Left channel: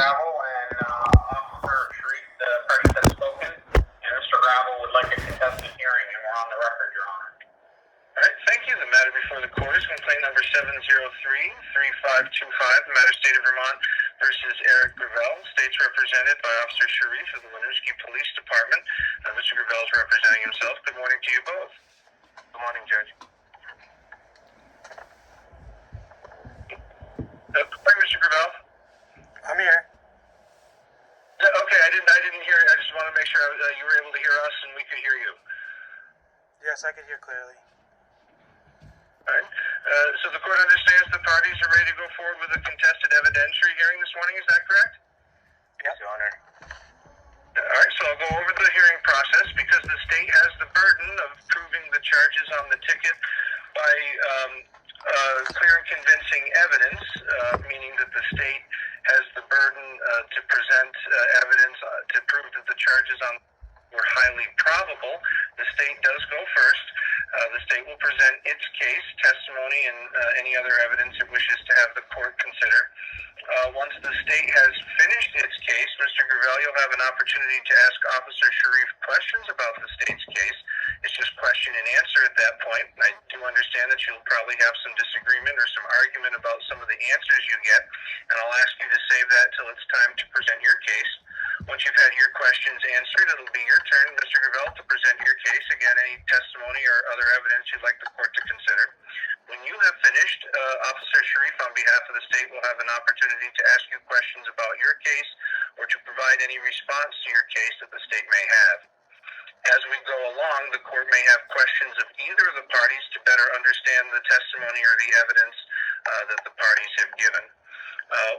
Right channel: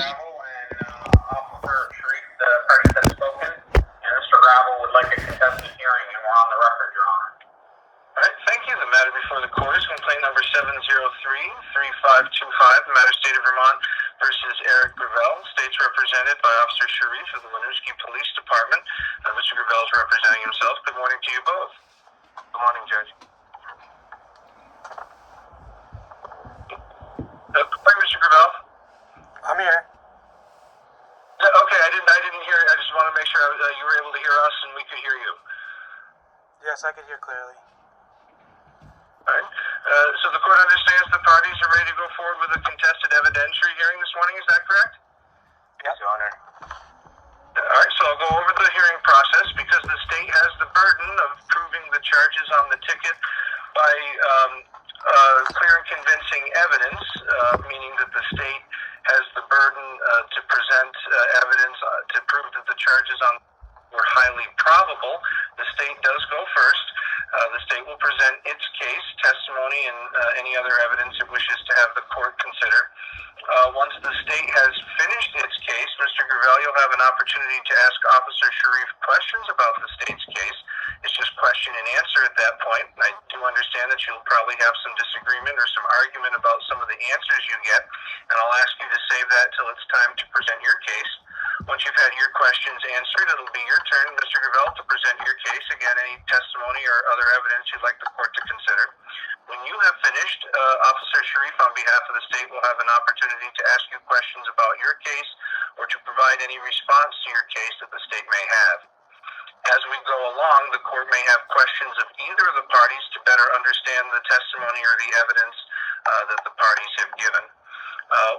Gravel and Officer Sharif, the parties have spoken, and Mr. Gravel would like a contested hearing, and we're on the record, Your Honor. All right, thank you. The matter before the court is complaint number 703-3525, the matter State of Vermont versus Eric Gravel. State's represented by Officer Sharif of the Winooski Police Department. Mr. Gravel is representing himself. Good morning to you both. Good morning, Judge. Good morning, Mr. Gravel. I'm here. Okay, I didn't hear. I just want to make sure you were able to hear us and we could hear you. Yes, I could hear clearly. All right. So the court understands the parties are ready to go forward with a contested evidentiary hearing this morning. Is that correct? Yes, Your Honor. All right. So I'll go over the hearing process because the state has the burden of proving the charges on the ticket by clear and convincing evidence, meaning that the state has the burden to present evidence to prove that the charges on were highly probable. The state does go first. The state will present its case, testimony, and any other evidence it wishes to have the court consider. Once the state has finished its case, Mr. Gravel, you'll have an opportunity to ask Officer Sharif questions about the state's case. It's just question and answer at that point. I do understand that you'll probably have some disagreement or some argument about some of the answers you get, and I'll ask you to save that till it's time to present your case. Once you've had your questions answered, it'll be your turn, Mr. Gravel, to present your case. Again, any testimony or other evidence you'd like the court to consider. When you have finished, Officer Sharif, on behalf of the state, will have an opportunity to ask you questions about your case or to provide any response to your case that the state may have. As we go along, the court may have questions of either of the parties to better understand the testimony or the evidence that the parties have given.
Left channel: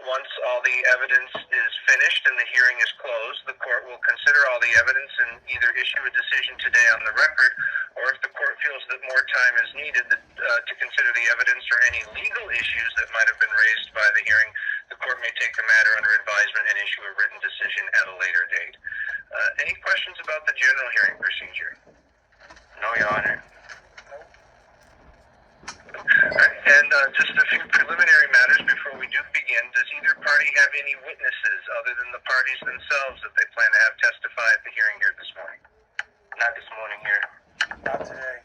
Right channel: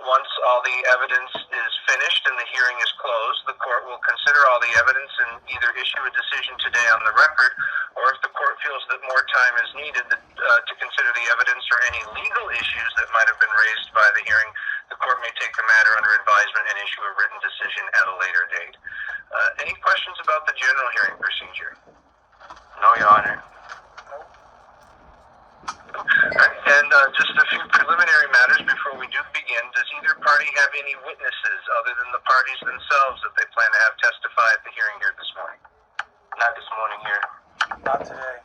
Once all the evidence is finished and the hearing is closed, the court will consider all the evidence and either issue a decision today on the record, or if the court feels that more time is needed to consider the evidence or any legal issues that might have been raised by the hearing, the court may take the matter under advisement and issue a written decision at a later date. Any questions about the general hearing procedure? No, Your Honor. And just a few preliminary matters before we do begin. Does either party have any witnesses other than the parties themselves that they plan to have testify at the hearing here this morning? Not this morning here. Not today.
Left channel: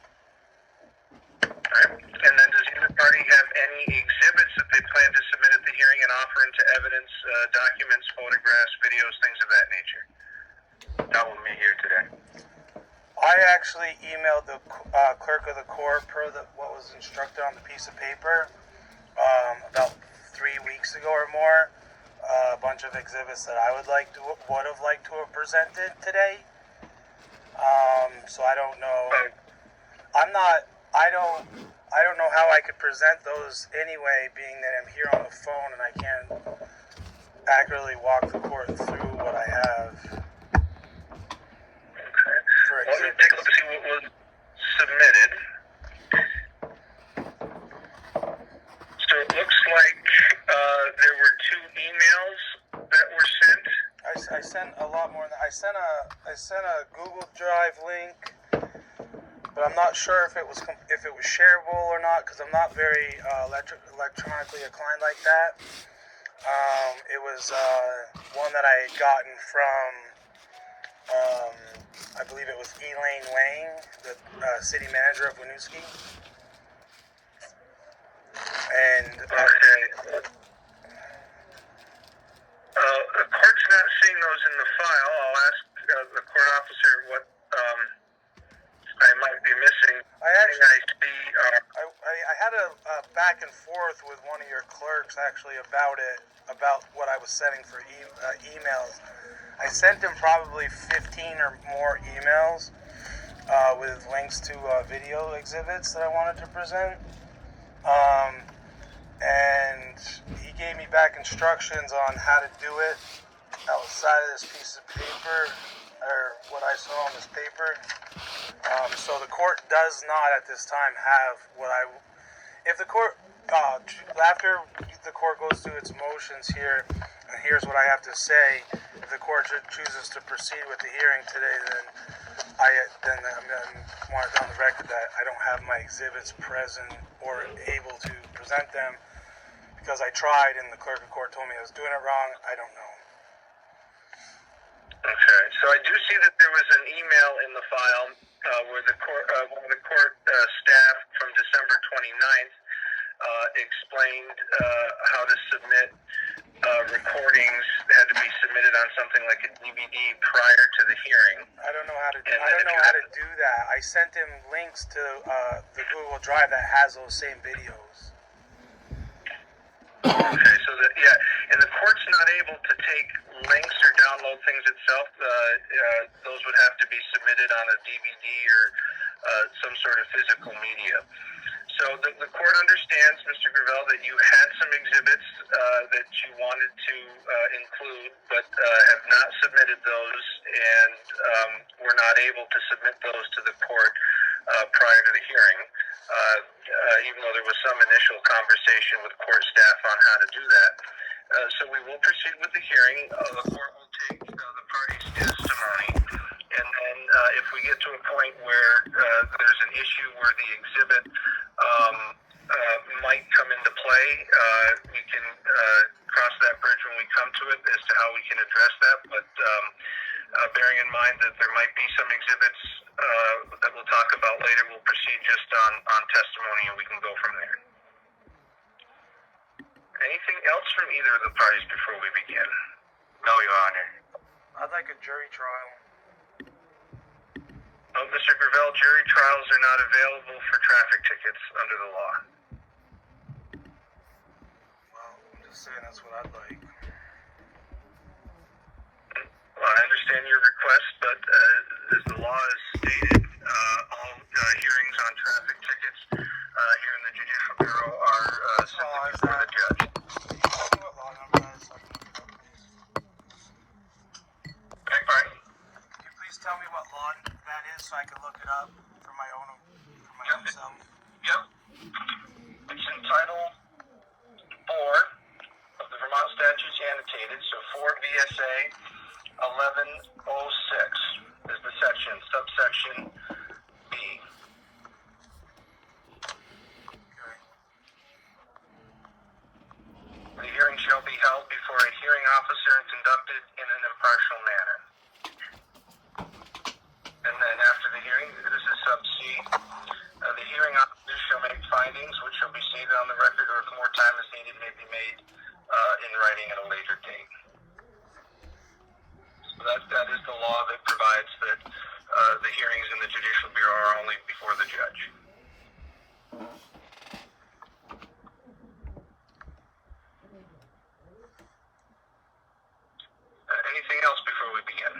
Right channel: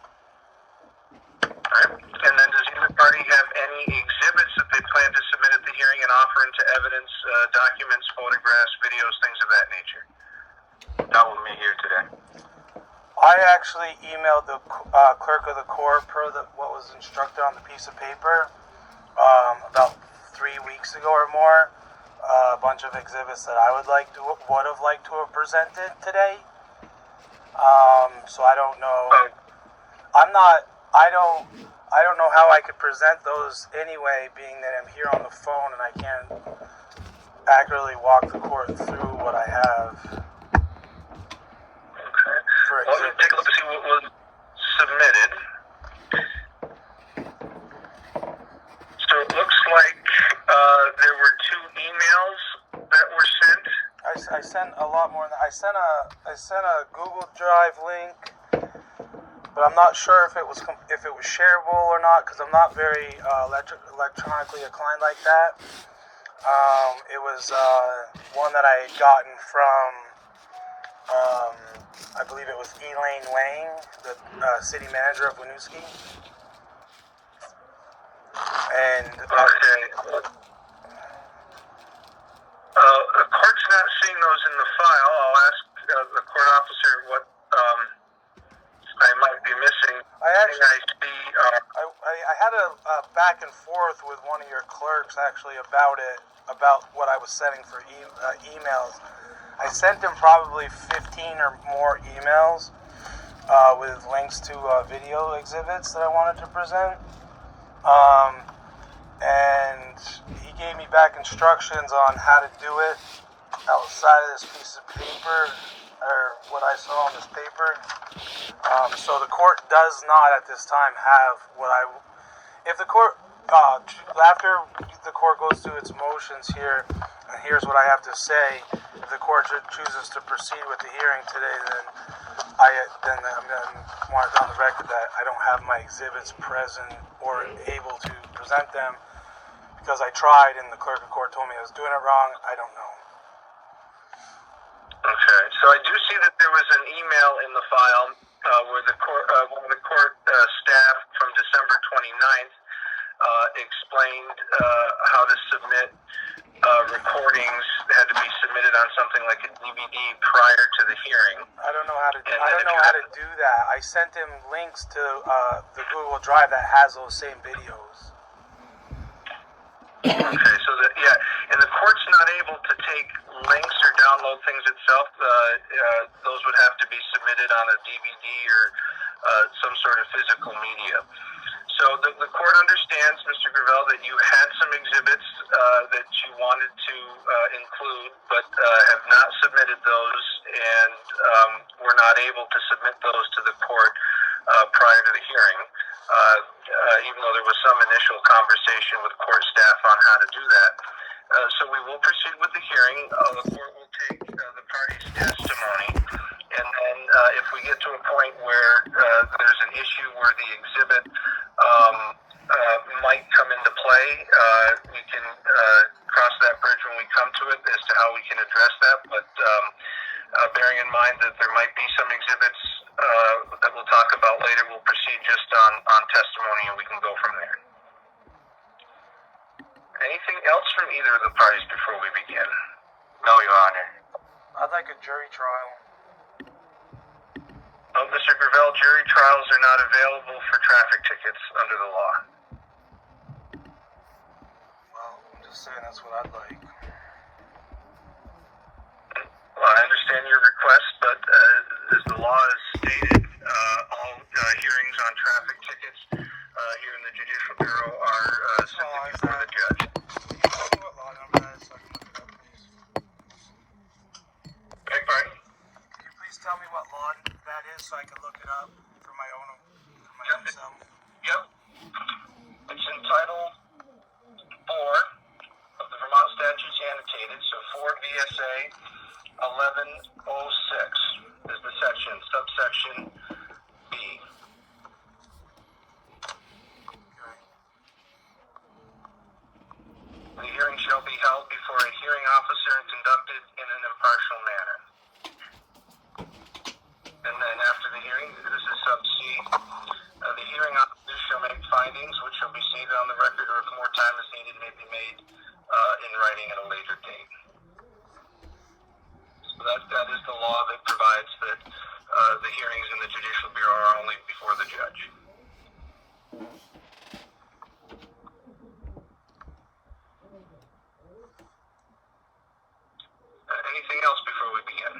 All right. And then does either party have any exhibits that they plan to submit at the hearing and offer into evidence, documents, photographs, videos, things of that nature? Not with me here today. I actually emailed the clerk of the court per what was instructed on the piece of paper about 3 weeks ago or more. A bunch of exhibits that I would have liked to have presented today. So I don't know. I don't know how I could present those anyway, being that I'm here on the phone and I can't accurately walk the court through what I have. Well, let's take a look to see what was submitted. So it looks like there were 2 emails that were sent. I sent a lot more than that. I sent a Google Drive link, but I'm not sure if it was shareable or not because I'm not very electronically inclined like that. It was one that I had gotten from. I believe it was Elaine Wang, the city manager of Winooski. And okay. The court's not seeing those in the file. I'll ask the court officer what I might be missing. I had a back and forth with one of your clerks actually about what I was sending for emails. I sent him probably 15 or more emails with links to video exhibits that I wanted to present. And he gave me back instructions on how to do it outside of this piece of paper, or what I saw on this paper. So the court does not at this time have if the court, after the court goes through its motions here, and here's what I have to say, if the court chooses to proceed with the hearing today, then I'm going to want it on the record that I don't have my exhibits present or able to present them because I tried and the clerk of court told me I was doing it wrong. I don't know. Okay, so I do see that there was an email in the file where one of the court staff from December 29th explained how to submit recordings that had to be submitted on something like a DVD prior to the hearing. I don't know how to. I don't know how to do that. I sent him links to the Google Drive that has those same videos. Okay, so and the court's not able to take links or download things itself. Those would have to be submitted on a DVD or some sort of physical media. So the court understands, Mr. Gravel, that you had some exhibits that you wanted to include, but have not submitted those, and were not able to submit those to the court prior to the hearing, even though there was some initial conversation with court staff on how to do that. So we will proceed with the hearing. The court will take the parties' testimony, and then if we get to a point where there's an issue where the exhibit might come into play, we can cross that bridge when we come to it as to how we can address that. But bearing in mind that there might be some exhibits that we'll talk about later, we'll proceed just on testimony, and we can go from there. Anything else from either of the parties before we begin? No, Your Honor. I'd like a jury trial. Oh, Mr. Gravel, jury trials are not available for traffic tickets under the law. Well, I'm just saying that's what I'd like. Well, I understand your request, but as the law is stated, all hearings on traffic tickets here in the Judicial Bureau are simply before the judge. What law number that is, so I can look it up, please? Beg pardon? Can you please tell me what law that is so I can look it up for my own self? Yep. It's in Title 4 of the Vermont Statutes Annotated, so 4 VSA 1106 is the section, subsection B. The hearing shall be held before a hearing officer and conducted in an impartial manner. And then after the hearing, this is sub C, the hearing officer shall make findings which shall be stated on the record, or if more time is needed, may be made in writing at a later date. So that is the law that provides that the hearings in the Judicial Bureau are only before the judge. Anything else before we begin?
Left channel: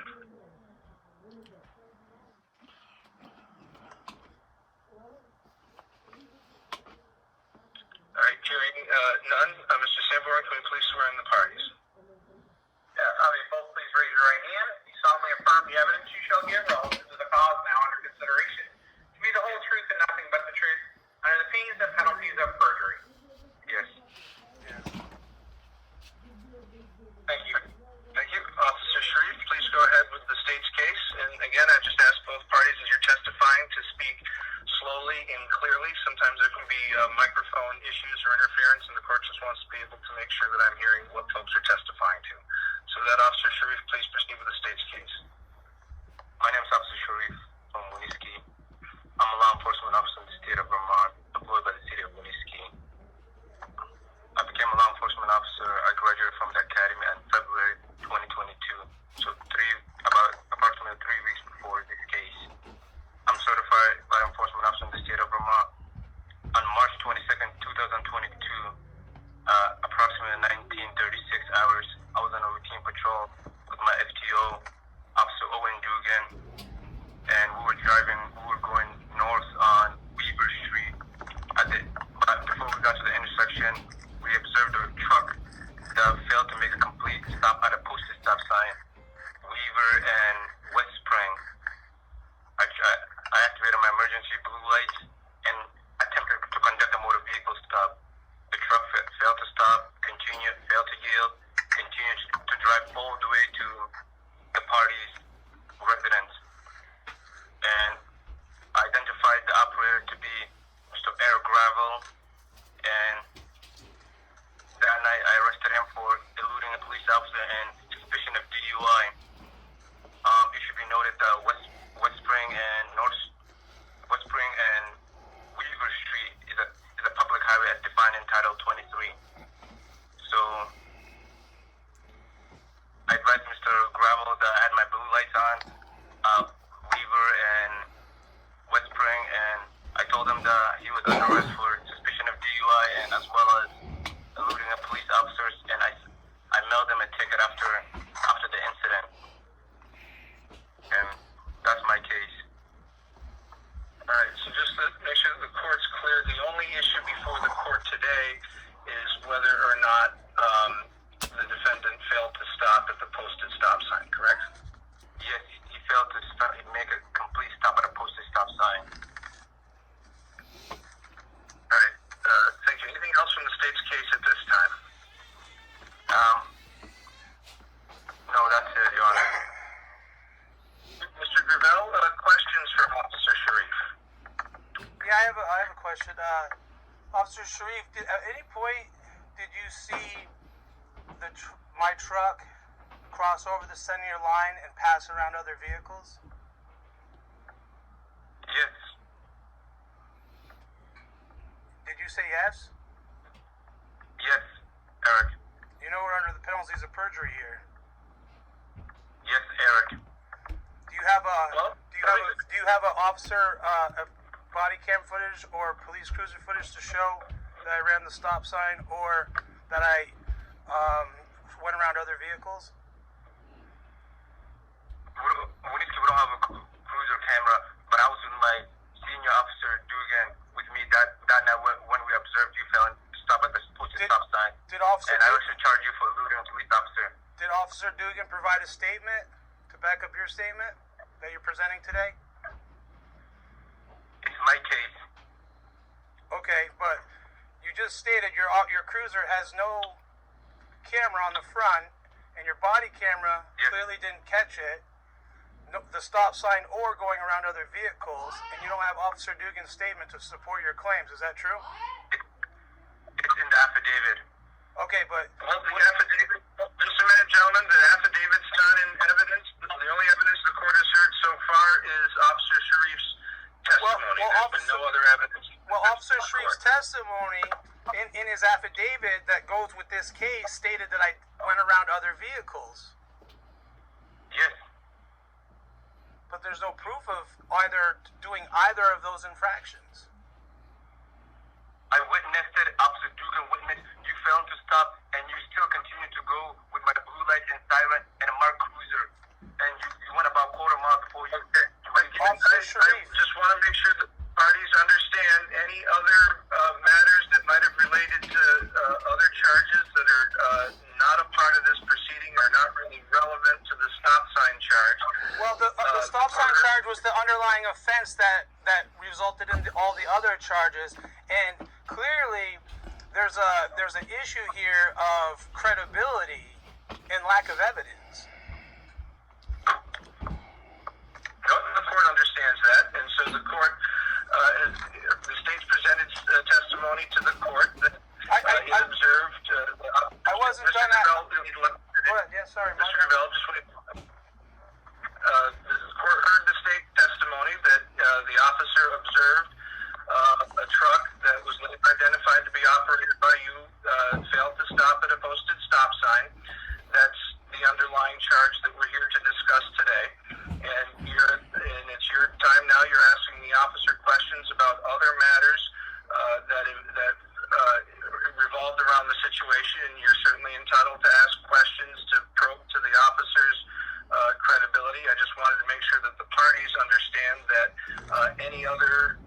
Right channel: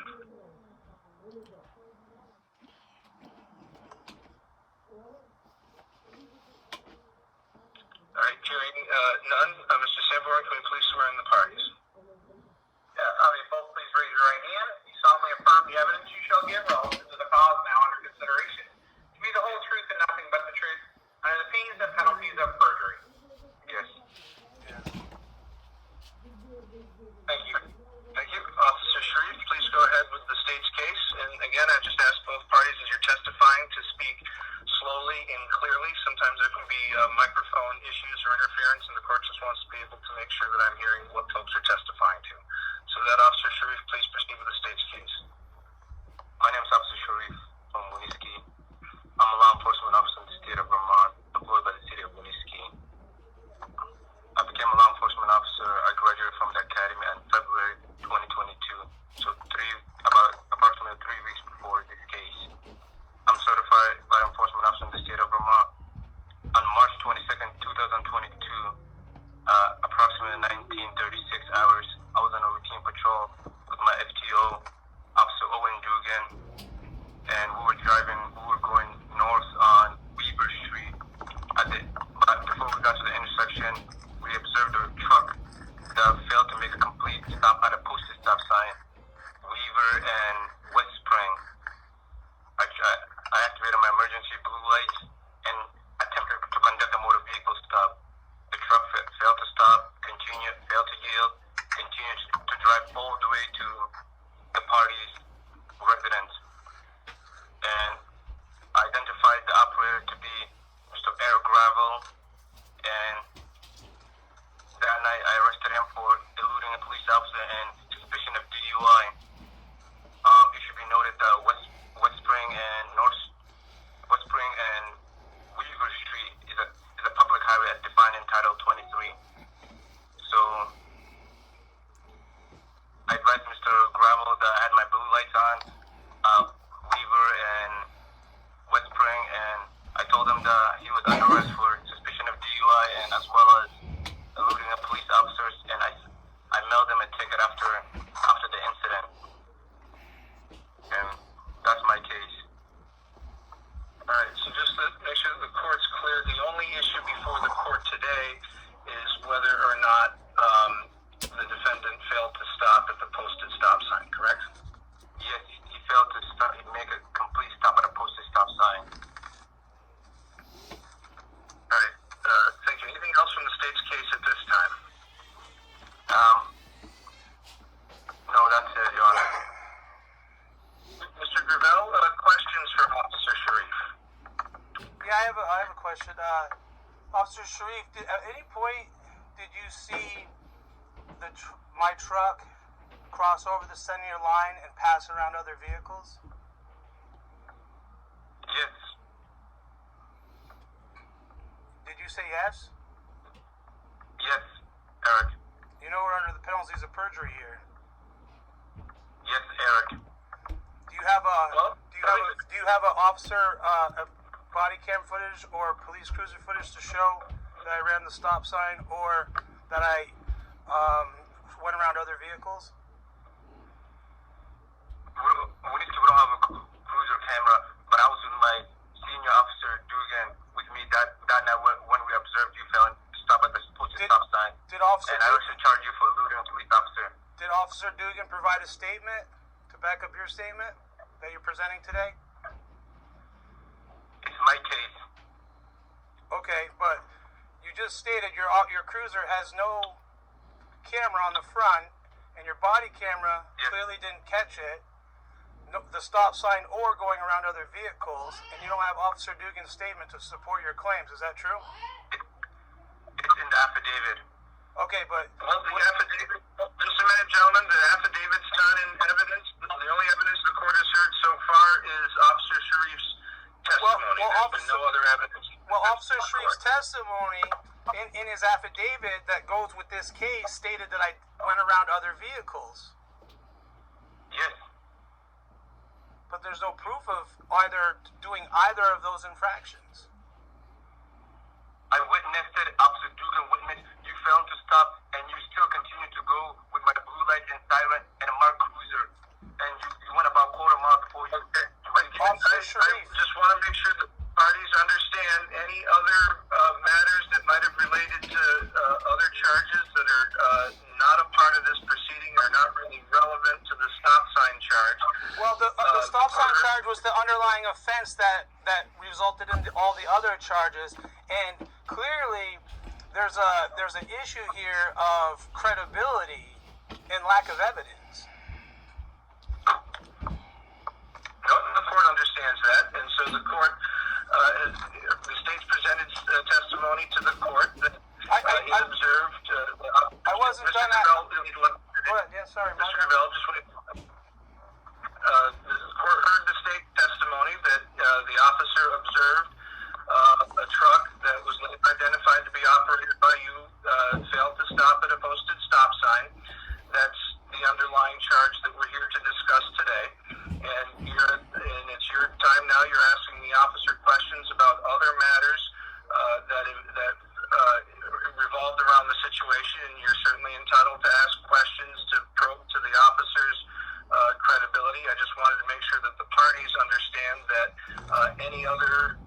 All right, hearing none. Mr. Sanborn, can we please swear in the parties? Yes, I mean, both please raise your right hand. You solemnly affirm the evidence you shall give relative to the cause now under consideration to be the whole truth and nothing but the truth, under the fees and penalties of perjury. Yes. Thank you. Thank you. Officer Sharif, please go ahead with the state's case. And again, I just ask both parties as you're testifying to speak slowly and clearly. Sometimes there can be microphone issues or interference, and the court just wants to be able to make sure that I'm hearing what folks are testifying to. So with that, Officer Sharif, please proceed with the state's case. My name is Officer Sharif from Winooski. I'm a law enforcement officer in the state of Vermont, employed by the city of Winooski. I became a law enforcement officer. I graduated from the academy in February 2022, so approximately 3 weeks before this case. I'm certified law enforcement officer in the state of Vermont. On March 22nd, 2022, approximately 1936 hours, I was on a routine patrol with my FTO, Officer Owen Dugan, and we were going north on Weaver Street. But before we got to the intersection, we observed a truck that failed to make a complete stop at a posted stop sign, Weaver and West Spring. I activated my emergency blue lights and attempted to conduct a motor vehicle stop. The truck failed to stop, failed to yield, continued to drive all the way to the party's residence. And I identified the operator to be Mr. Air Gravel, and that night see my truck cross over the center line and pass around other vehicles? Yes. Did you say yes? Yes, Eric. You know we're under the penalties of perjury here. Yes, Eric. Do you have a officer body cam footage or police cruiser footage to show that I ran the stop sign or that I went around other vehicles? We don't have a cruiser camera, but I was with my senior officer Dugan with me that night when we observed you failing to stop at the stop sign. And I also charged you for eluding a police officer. Did Officer Dugan provide a statement to back up your statement that you're presenting today? It's my case. Okay, but you just stated your cruiser has no camera on the front, and your body camera clearly didn't catch it, the stop sign or going around other vehicles, and you don't have Officer Dugan's statement to support your claims. Is that true? It's in the affidavit. Okay, but Well, the affidavit, just a minute, gentlemen, the affidavit's not in evidence. The only evidence the court has heard so far is Officer Sharif's testimony. There's been no other evidence. Well, Officer Sharif's testimony in his affidavit that goes with this case stated that I went around other vehicles. Yes. But there's no proof of doing either of those infractions. I witnessed it. Officer Dugan witnessed you failed to stop, and you still continue to go with my blue light and siren and a marked cruiser, and you went about quarter mile before you hit. Officer Sharif. I just want to make sure that parties understand any other matters that might have related to other charges that are not a part of this proceeding are not really relevant to the stop sign charge. Well, the stop sign charge was the underlying offense that resulted in all the other charges, and clearly there's an issue here of credibility and lack of evidence. No, the court understands that, and so the court, the state's presented testimony to the court that it observed. I wasn't done that. Go ahead. Yeah, sorry, Mr. Gravel, just wait. The court heard the state testimony that the officer observed a truck that was identified to be operated by you failed to stop at a posted stop sign. That's the underlying charge that we're here to discuss today. And it's your time now. You're asking the officer questions about other matters that revolved around the situation, and you're certainly entitled to ask questions to probe to the officer's credibility. I just wanted to make sure that the parties understand that any other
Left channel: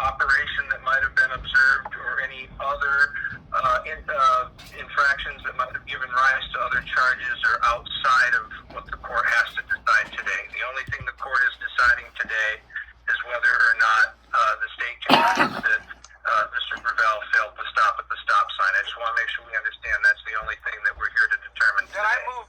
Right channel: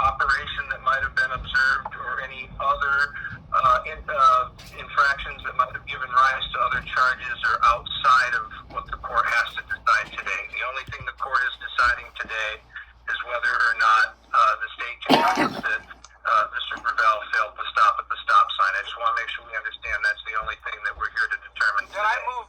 operation that might have been observed or any other infractions that might have given rise to other charges are outside of what the court has to decide today. The only thing the court is deciding today is whether or not the state can prove that Mr. Gravel failed to stop at the stop sign. I just want to make sure we understand that's the only thing that we're here to determine today.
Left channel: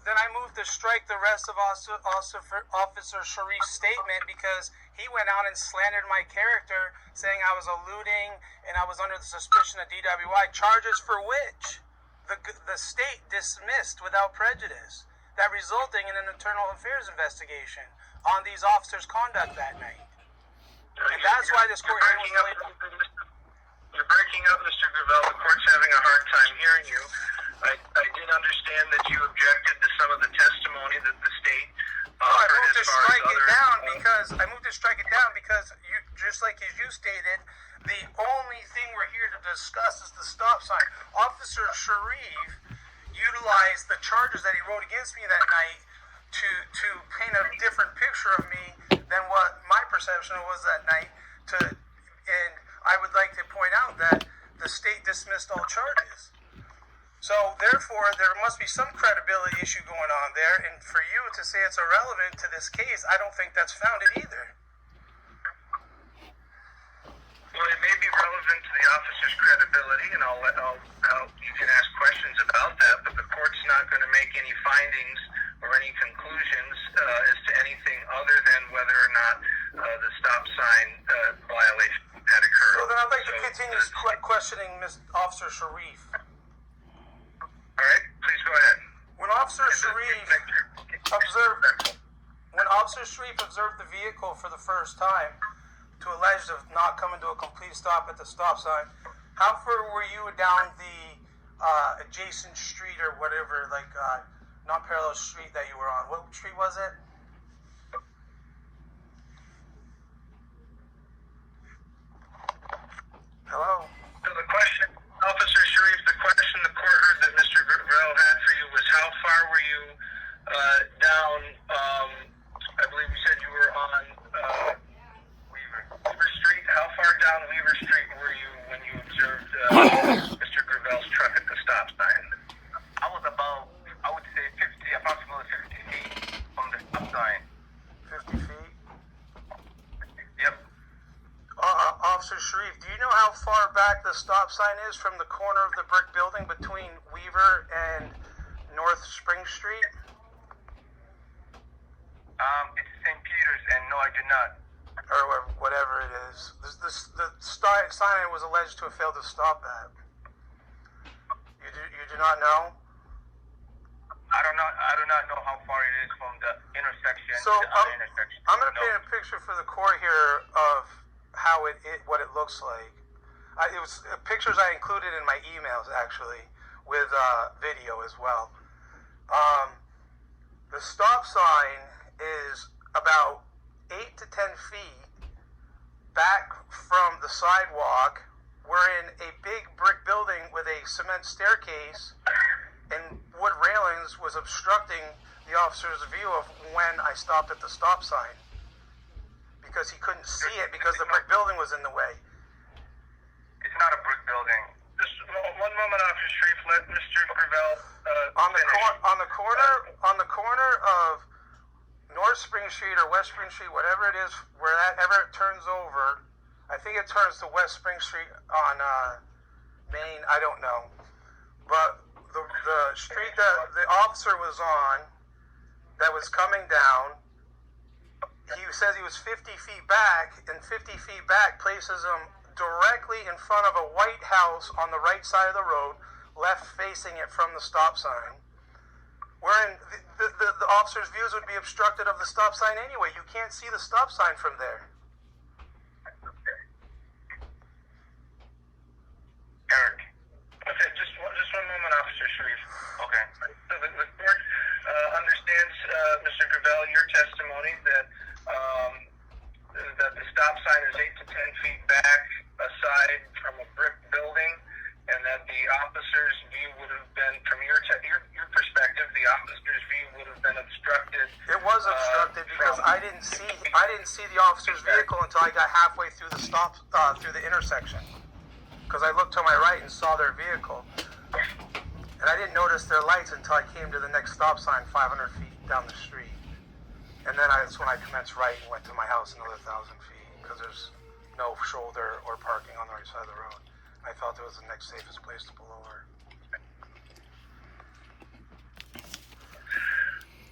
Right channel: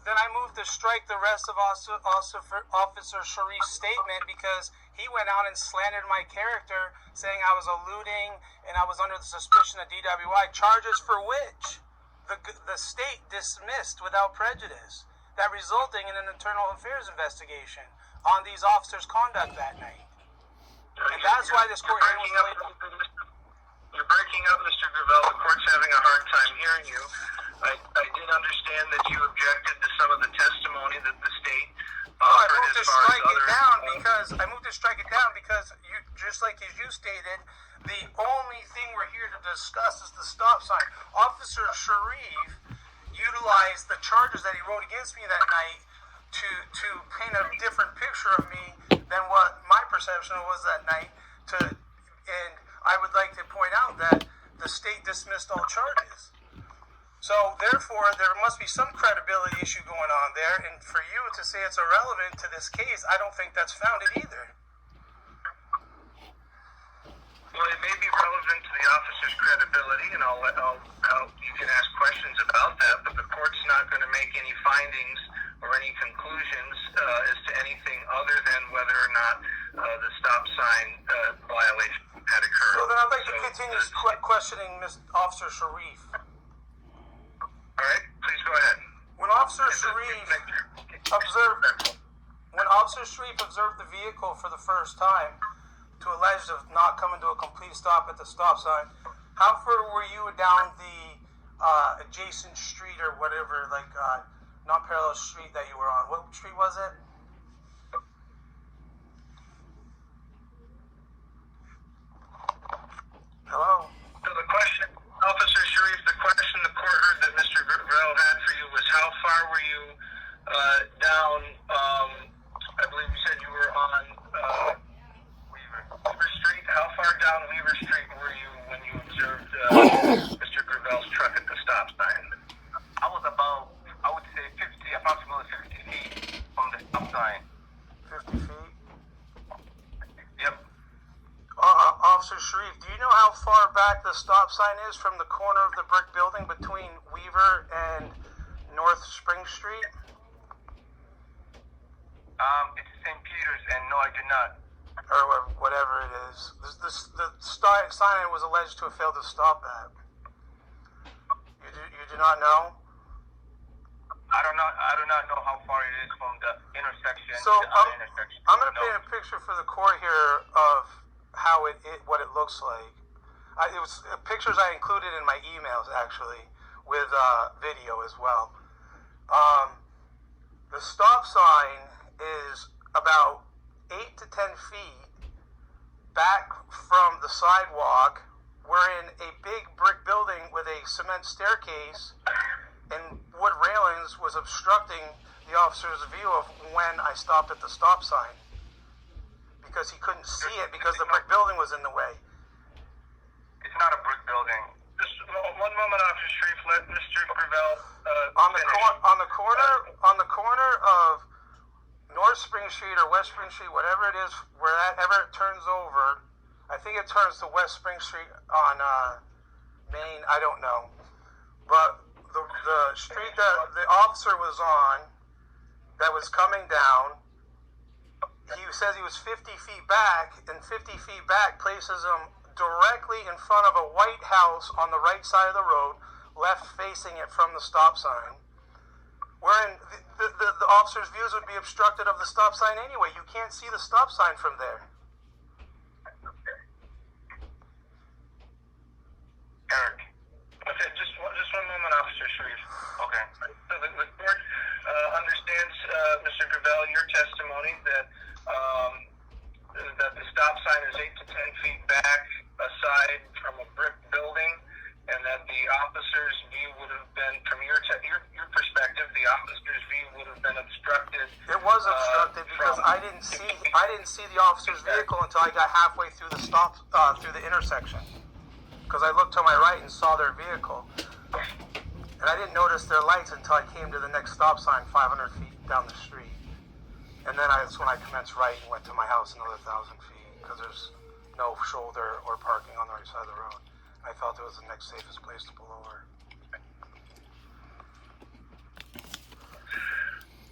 Then I moved to strike the rest of Officer Sharif's statement because he went out and slandered my character, saying I was eluding and I was under the suspicion of DWI, charges for which the state dismissed without prejudice, that resulting in an internal affairs investigation on these officers' conduct that night. And that's why this court hearing was delayed. You're breaking up, Mr. Gravel. The court's having a hard time hearing you. I did understand that you objected to some of the testimony that the state offered I moved to strike it down because you, just like as you stated, the only thing we're here to discuss is the stop sign. Officer Sharif utilized the charges that he wrote against me that night to paint a different picture of me than what my perception was that night. And I would like to point out that the state dismissed all charges. So therefore, there must be some credibility issue going on there. And for you to say it's irrelevant to this case, I don't think that's founded either. Well, it may be relevant to the officer's credibility, and you can ask questions about that, but the court's not going to make any findings or any conclusions as to anything other than whether or not the stop sign violation had occurred. Well, then I'd like to continue questioning Officer Sharif. first time to allege of not coming to a complete stop at the stop sign. How far were you down the adjacent street or whatever, like non-parallel street that you were on? What street was it? Hello? So the question, Officer Sharif, the question the court heard that Mr. Gravel had for you was how far were you down, I believe you said you were on Weaver Street. How far down Weaver Street were you when you observed Mr. Gravel's truck at the stop sign? I was about, I would say, approximately 50 feet from the stop sign. 50 feet? Yep. Officer Sharif, do you know how far back the stop sign is from the corner of the brick building between Weaver and North Spring Street? It's St. Peter's, and no, I did not. Or whatever it is. The sign was alleged to have failed to stop at. You do not know? I do not know how far it is from the intersection So to the other intersection. I'm going to No. paint a picture for the court here of how what it looks like. It was pictures I included in my emails actually, with video as well. The stop sign is about 8 to 10 feet back from the sidewalk. We're in a big brick building with a cement staircase, and wood railings was obstructing the officer's view of when I stopped at the stop sign, because he couldn't see it because the brick building was in the way. It's not a brick building. Just one moment, Officer Sharif. Let Mr. Gravel On the finish. on the corner of North Spring Street or West Spring Street, whatever it is, wherever it turns over, I think it turns to West Spring Street on Main. I don't know, but the street that the officer was on, that was coming down, he says he was 50 feet back, and 50 feet back places him directly in front of a white house on the right side of the road, left facing it from the stop sign. Wherein the officer's views would be obstructed of the stop sign anyway. You can't see the stop sign from there. Eric. Okay, just one moment, Officer Sharif. Okay. So the court understands, Mr. Gravel, your testimony that the stop sign is 8 to 10 feet back aside from a brick building, and that the officer's view would have been, from your perspective, the officer's view would have been obstructed. It was obstructed because I didn't see the officer's vehicle until I got halfway through the through the intersection. Because I looked to my right and saw their vehicle, and I didn't notice their lights until I came to the next stop sign 500 feet down the street. And then that's when I commenced right and went to my house another 1,000 feet, because there's no shoulder or parking on the right side of the road. I felt it was the next safest place to pull over.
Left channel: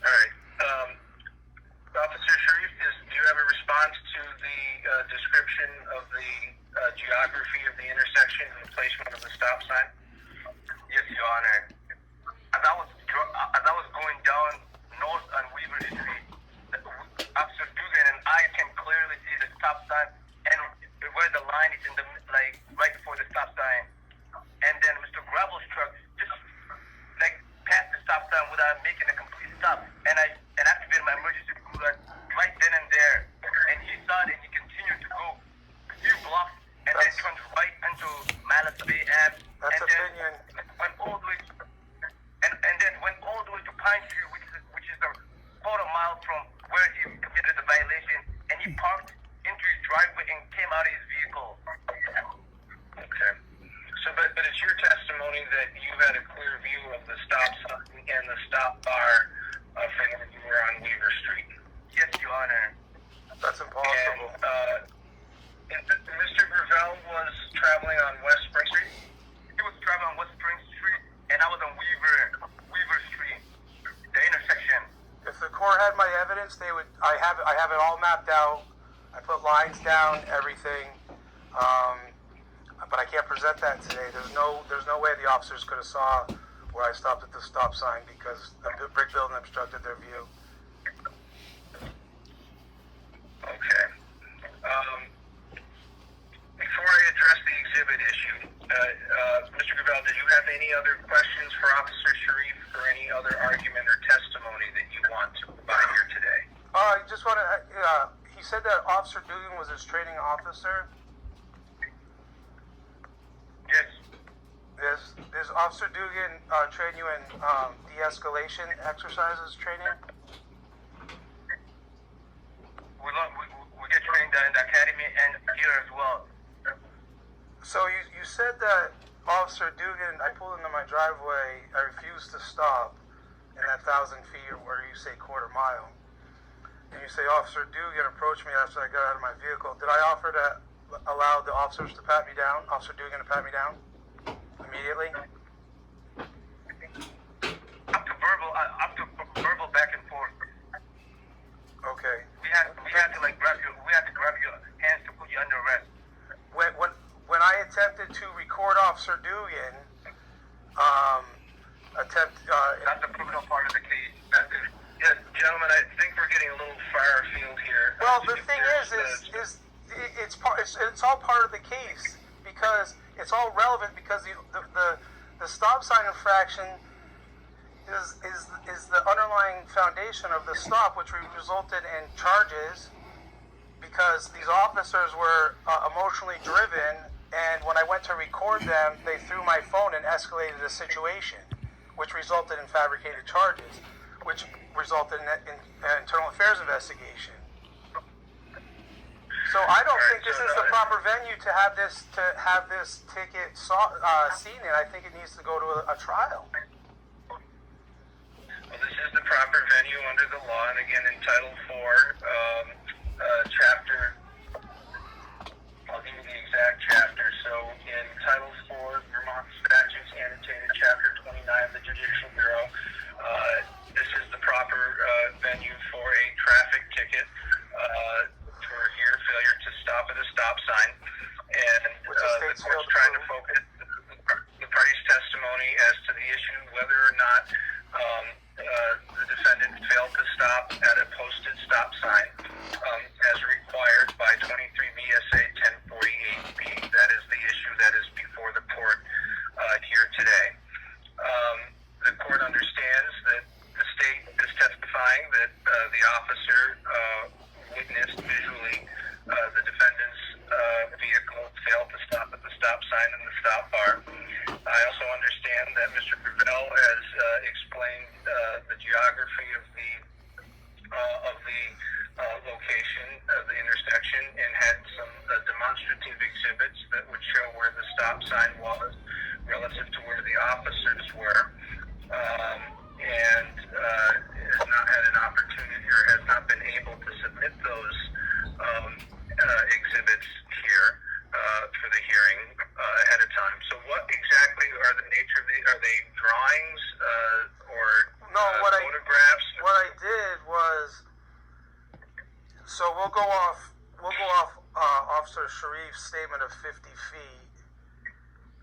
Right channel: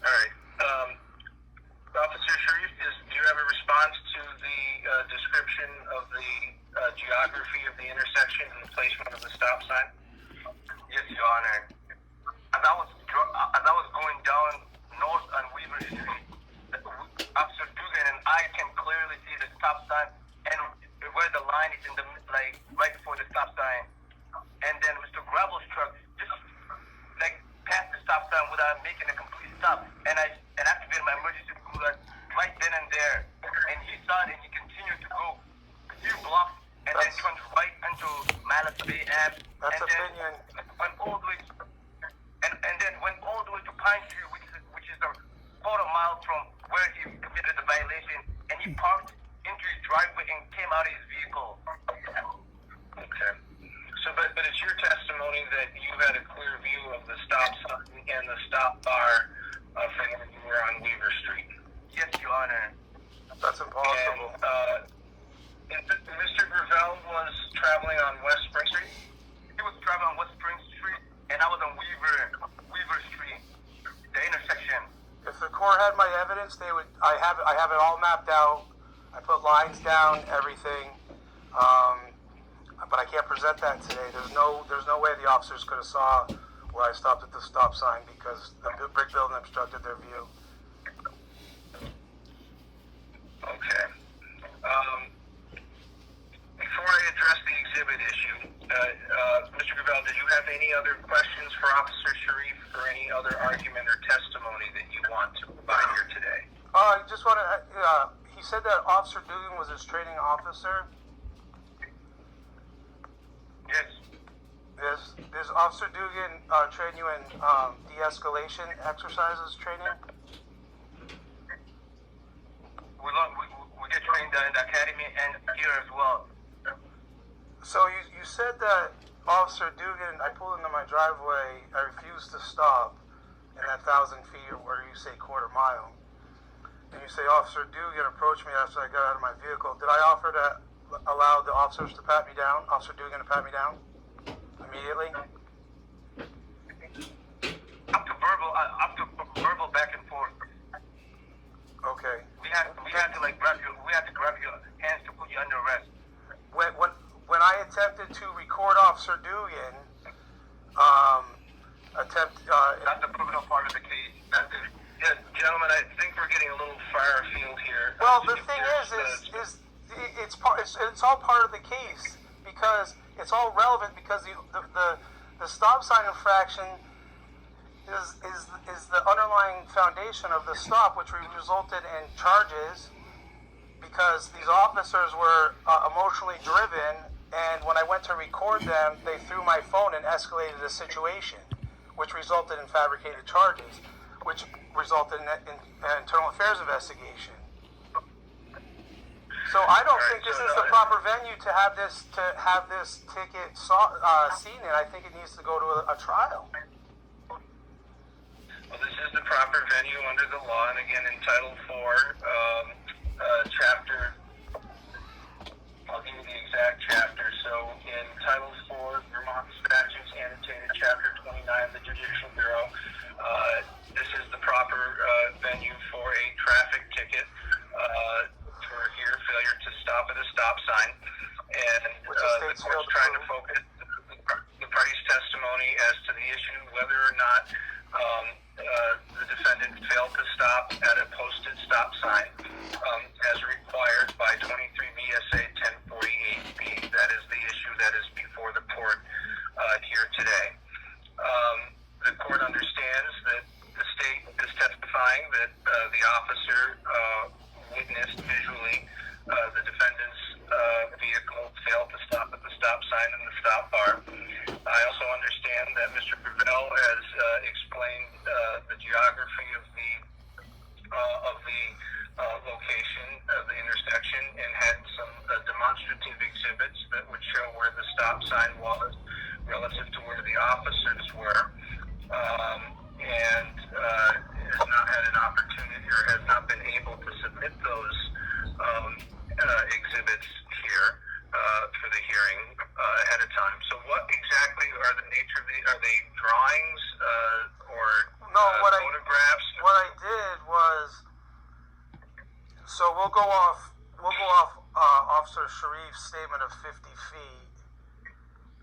All right. Officer Sharif, do you have a response to the description of the geography of the intersection and the placement of the stop sign? Yes, Your Honor. As I was going down North and Weaver Street, Officer Dugan and I can clearly see the stop sign and where the line is in the right before the stop sign. And then Mr. Gravel's truck just passed the stop sign without making a complete stop. And I activated my emergency alert right then and there. And he saw it and he continued to go a few blocks and then turned right into Malice Bay Ave. That's And opinion. then went all the way and then went all the way to Pine Tree, which is a quarter mile from where he committed the violation, and he parked into his driveway and came out of his vehicle. Okay. So, but it's your testimony that you had a clear view of the stop sign and the stop bar from when you were on Weaver Street. Yes, Your Honor. That's impossible. And Mr. Gravel was traveling on West Spring Street? He was driving on West Spring Street, and I was on Weaver Street, the intersection. If the court had my evidence, they would. I have it all mapped out. I put lines down, everything. But I can't present that today. There's no way the officers could have saw where I stopped at the stop sign because the brick building obstructed their view. Okay. questions for Officer Sharif or any other argument or testimony that you want to provide here today? I just want to. He said that Officer Dugan was his training officer. Yes. Does Officer Dugan train you in de-escalation exercises training? We get trained in the academy and here as well. So you said that Officer Dugan, I pulled into my driveway, I refused to stop in that 1,000 feet where you say quarter mile. And you say Officer Dugan approached me after I got out of my vehicle. Did I offer to allow the officers to pat me down? Officer Dugan to pat me down? Immediately? Up to verbal back and forth. Okay. We had to like grab your hands to put you under arrest. When I attempted to record Officer Dugan, That's the criminal part of the case. Yes, gentlemen, I think we're getting a little far afield here. well, the thing is it's all part of the case because it's all relevant because the stop sign infraction is the underlying foundation of the stop, which resulted in charges because these officers were emotionally driven, and when I went to record them, they threw my phone and escalated the situation, which resulted in fabricated charges, which resulted in an internal affairs investigation. So I don't think this is the proper venue to have this ticket seen in. I think it needs to go to a trial. Well, this is the proper venue under the law, and again, in Title 4, Chapter, I'll give you the exact chapter. So, in Title 4, Vermont Statutes Annotated, Chapter 29 of the Judicial Bureau, this is the proper venue for a traffic ticket for your failure to stop at a stop sign. And the court's trying to focus the party's testimony as to the issue, whether or not the defendant failed to stop at a posted stop sign as required by 23 VSA 1048B. That is the issue that is before the court here today. The court understands that the state is testifying that the officer witnessed visually the defendant's vehicle failed to stop at the stop sign and the stop bar. I also understand that Mr. Gravel has explained the geography of the location of the intersection and had some demonstrative exhibits that would show where the stop sign was relative to where the officers were, and has not had an opportunity or has not been able to submit those exhibits here for the hearing ahead of time. So what exactly are the nature of are they drawings or photographs? What I did was, so we'll go off Officer Sharif's statement of 50 feet,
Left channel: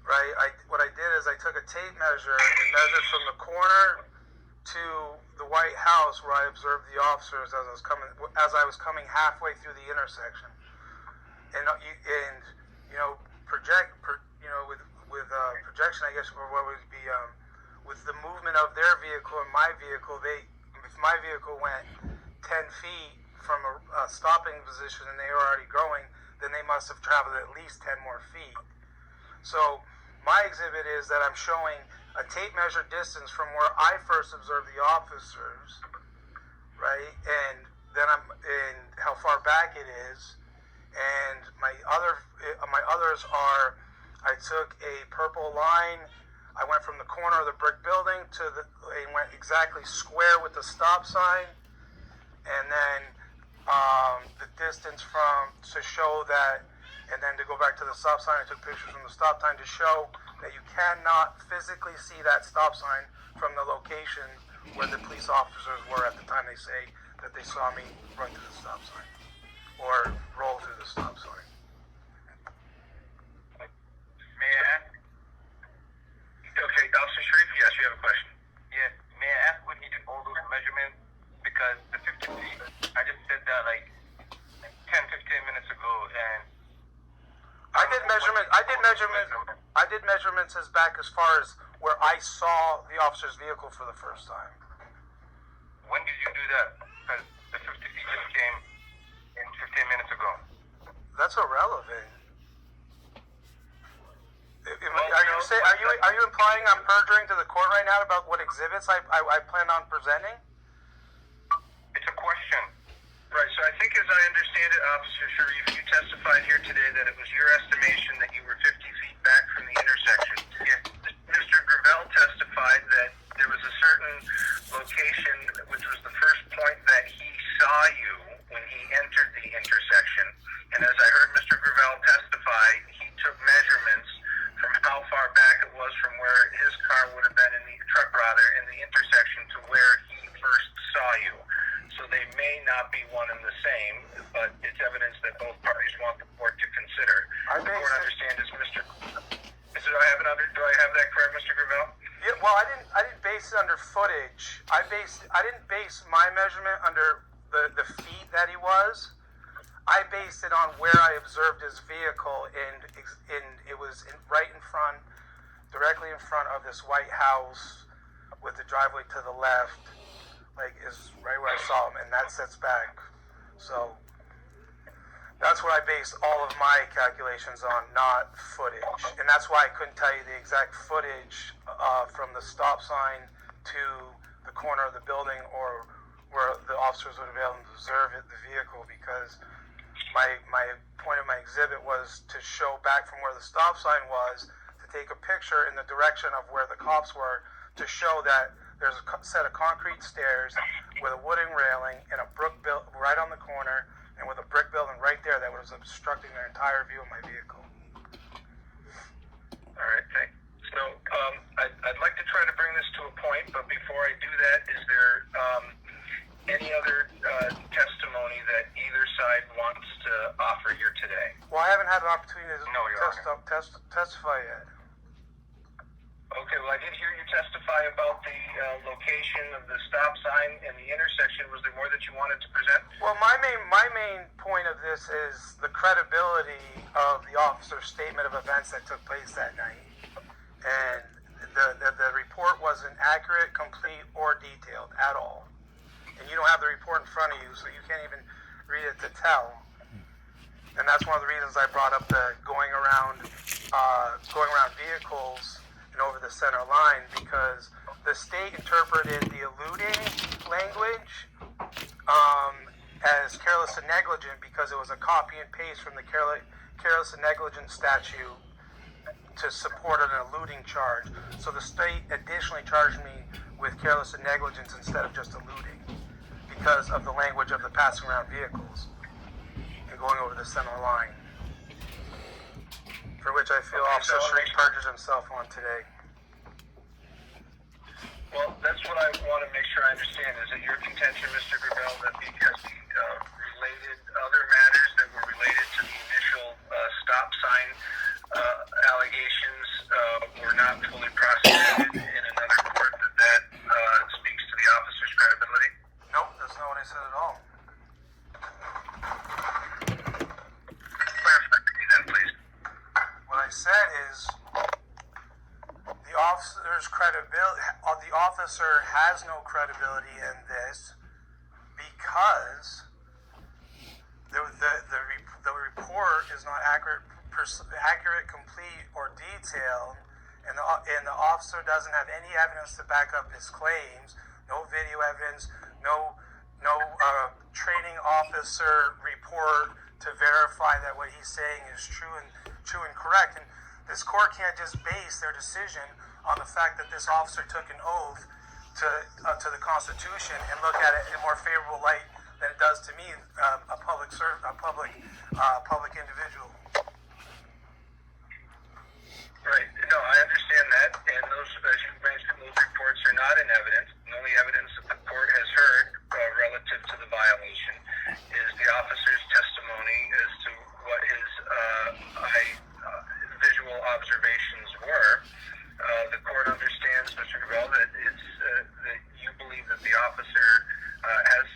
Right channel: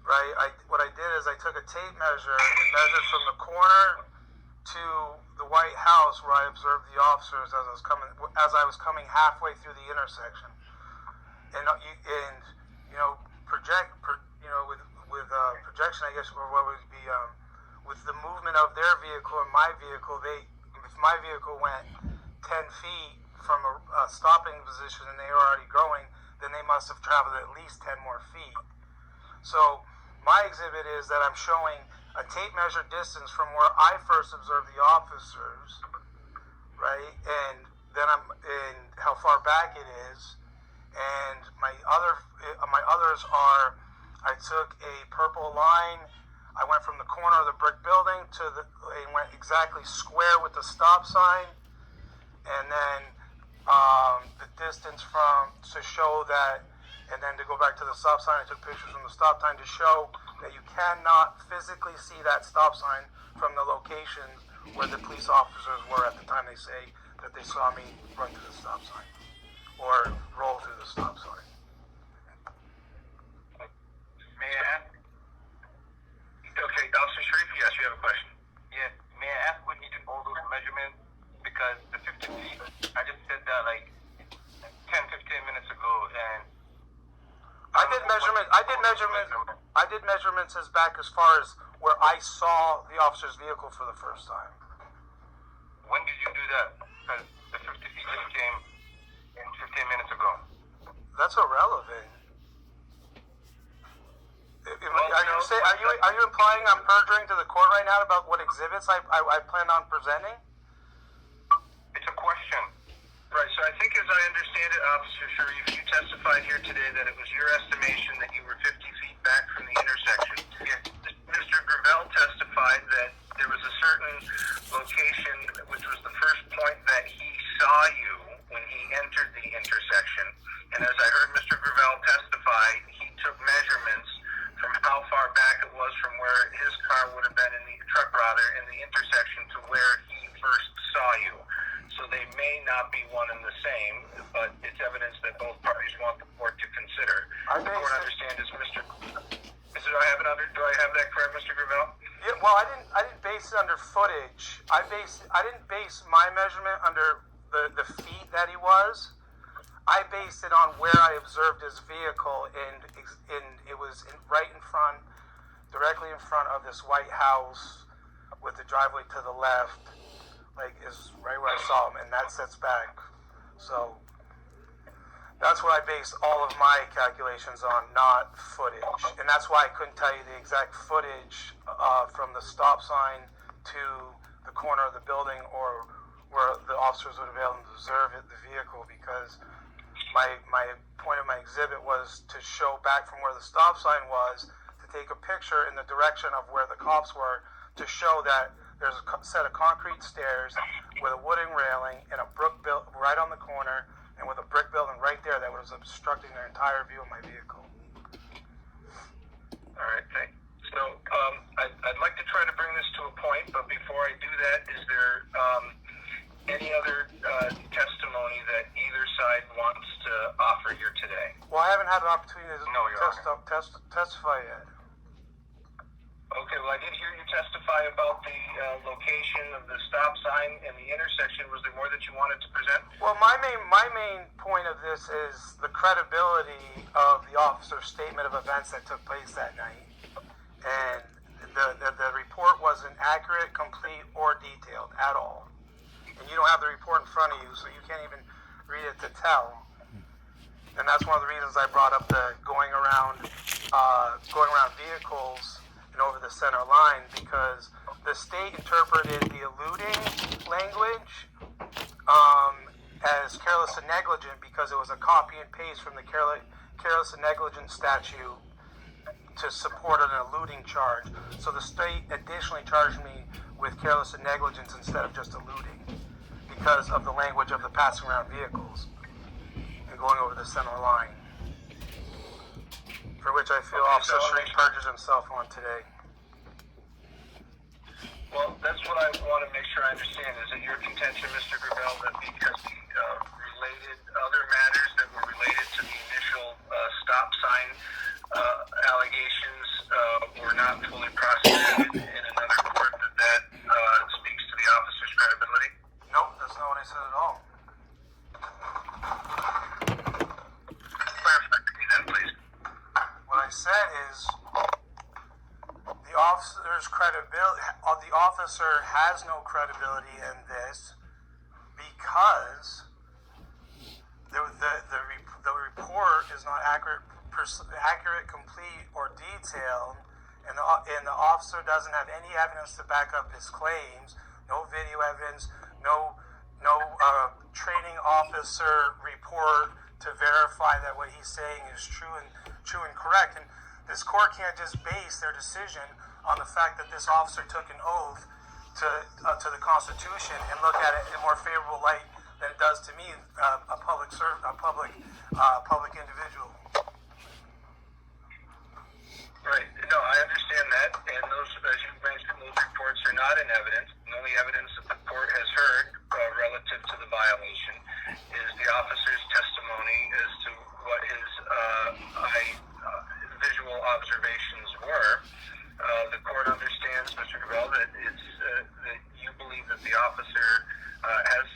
right? What I did is I took a tape measure and measured from the corner to the White House where I observed the officers as I was coming halfway through the intersection, and with projection, I guess, or what would be with the movement of their vehicle and my vehicle. If my vehicle went 10 feet from a stopping position and they were already going, then they must have traveled at least 10 more feet. So my exhibit is that I'm showing a tape measure distance from where I first observed the officers, right, and then and how far back it is, and my others are, I took a purple line, I went from the corner of the brick building and went exactly square with the stop sign, and then the distance to show that, and then to go back to the stop sign, I took pictures from the stop sign to show that you cannot physically see that stop sign from the location where the police officers were at the time they say that they saw me run through the stop sign or roll through the stop sign. May I ask? Okay, Officer Sharif, yes, you have a question. Yeah. May I ask what he did all those measurements? Because the 50 feet, I just said that like 10-15 minutes ago, and I did measurements as back as far as where I saw the officer's vehicle for the first time. When did you do that? Because the 50 feet just came in 15 minutes ago. That's irrelevant. Are you implying I'm perjuring to the court right now about what exhibits I plan on presenting? It's a question. Right, so I think as I understand it, Officer Sharif, you testified here today that it was your estimation that you were 50 feet back from the intersection. Yet Mr. Gravel testified that there was a certain location, which was the first point that he saw you when he entered the intersection. And as I heard Mr. Gravel testify, he took measurements from how far back it was from where his car would have been in the truck, rather, in the intersection to where he first saw you. So they may not be one and the same, but it's evidence that both parties want the court to consider. The court understands is Mr. Do I have that correct, Mr. Gravel? Yeah, well, I didn't base it under footage. I didn't base my measurement under the feet that he was. I based it on where I observed his vehicle, and it was right in front, directly in front of this white house with the driveway to the left, like is right where I saw him, and that sets back. So that's what I based all of my calculations on, not footage. And that's why I couldn't tell you the exact footage from the stop sign to the corner of the building or where the officers would have been able to observe the vehicle, because my point of my exhibit was to show back from where the stop sign was, to take a picture in the direction of where the cops were, to show that there's a set of concrete stairs with a wooden railing and a brick built right on the corner, and with a brick building right there that was obstructing the entire view of my vehicle. All right, thanks. So I'd like to try to bring this to a point, but before I do that, is there any other testimony that either side wants to offer here today? Well, I haven't had an opportunity to testify yet. Okay, well, I did hear you testify about the location of the stop sign and the intersection. Was there more that you wanted to present? Well, my main point of this is the credibility of the officer's statement of events that took place that night. And the report wasn't accurate, complete, or detailed at all. And you don't have the report in front of you, so you can't even read it to tell. And that's one of the reasons I brought up the going around vehicles and over the center line, because the state interpreted the eluding language as careless and negligent, because it was a copy and paste from the careless and negligent statute to support an eluding charge. So the state additionally charged me with careless and negligence instead of just eluding, because of the language of the passing around vehicles and going over the center line, for which I feel Officer Sharif perjured himself on today. Well, that's what I want to make sure I understand. Is it your contention, Mr. Gravel, that because the related other matters that were related to the initial stop sign allegations were not fully prosecuted in another court, that speaks to the officer's credibility? Nope, that's not what I said at all. Clarify to me then, please. What I said is the officer's credibility. The officer has no credibility in this because the report is not accurate, complete, or detailed, and the officer doesn't have any evidence to back up his claims. No video evidence, no training officer report to verify that what he's saying is true and correct. And this court can't just base their decision on the fact that this officer took an oath to the Constitution and look at it in a more favorable light than it does to me, a public individual. Right. No, I understand that, and those, as you mentioned, those reports are not in evidence. The only evidence that the court has heard relative to the violation is the officer's testimony as to what his visual observations were. The court understands, Mr. Gravel, that that you believe that the officer has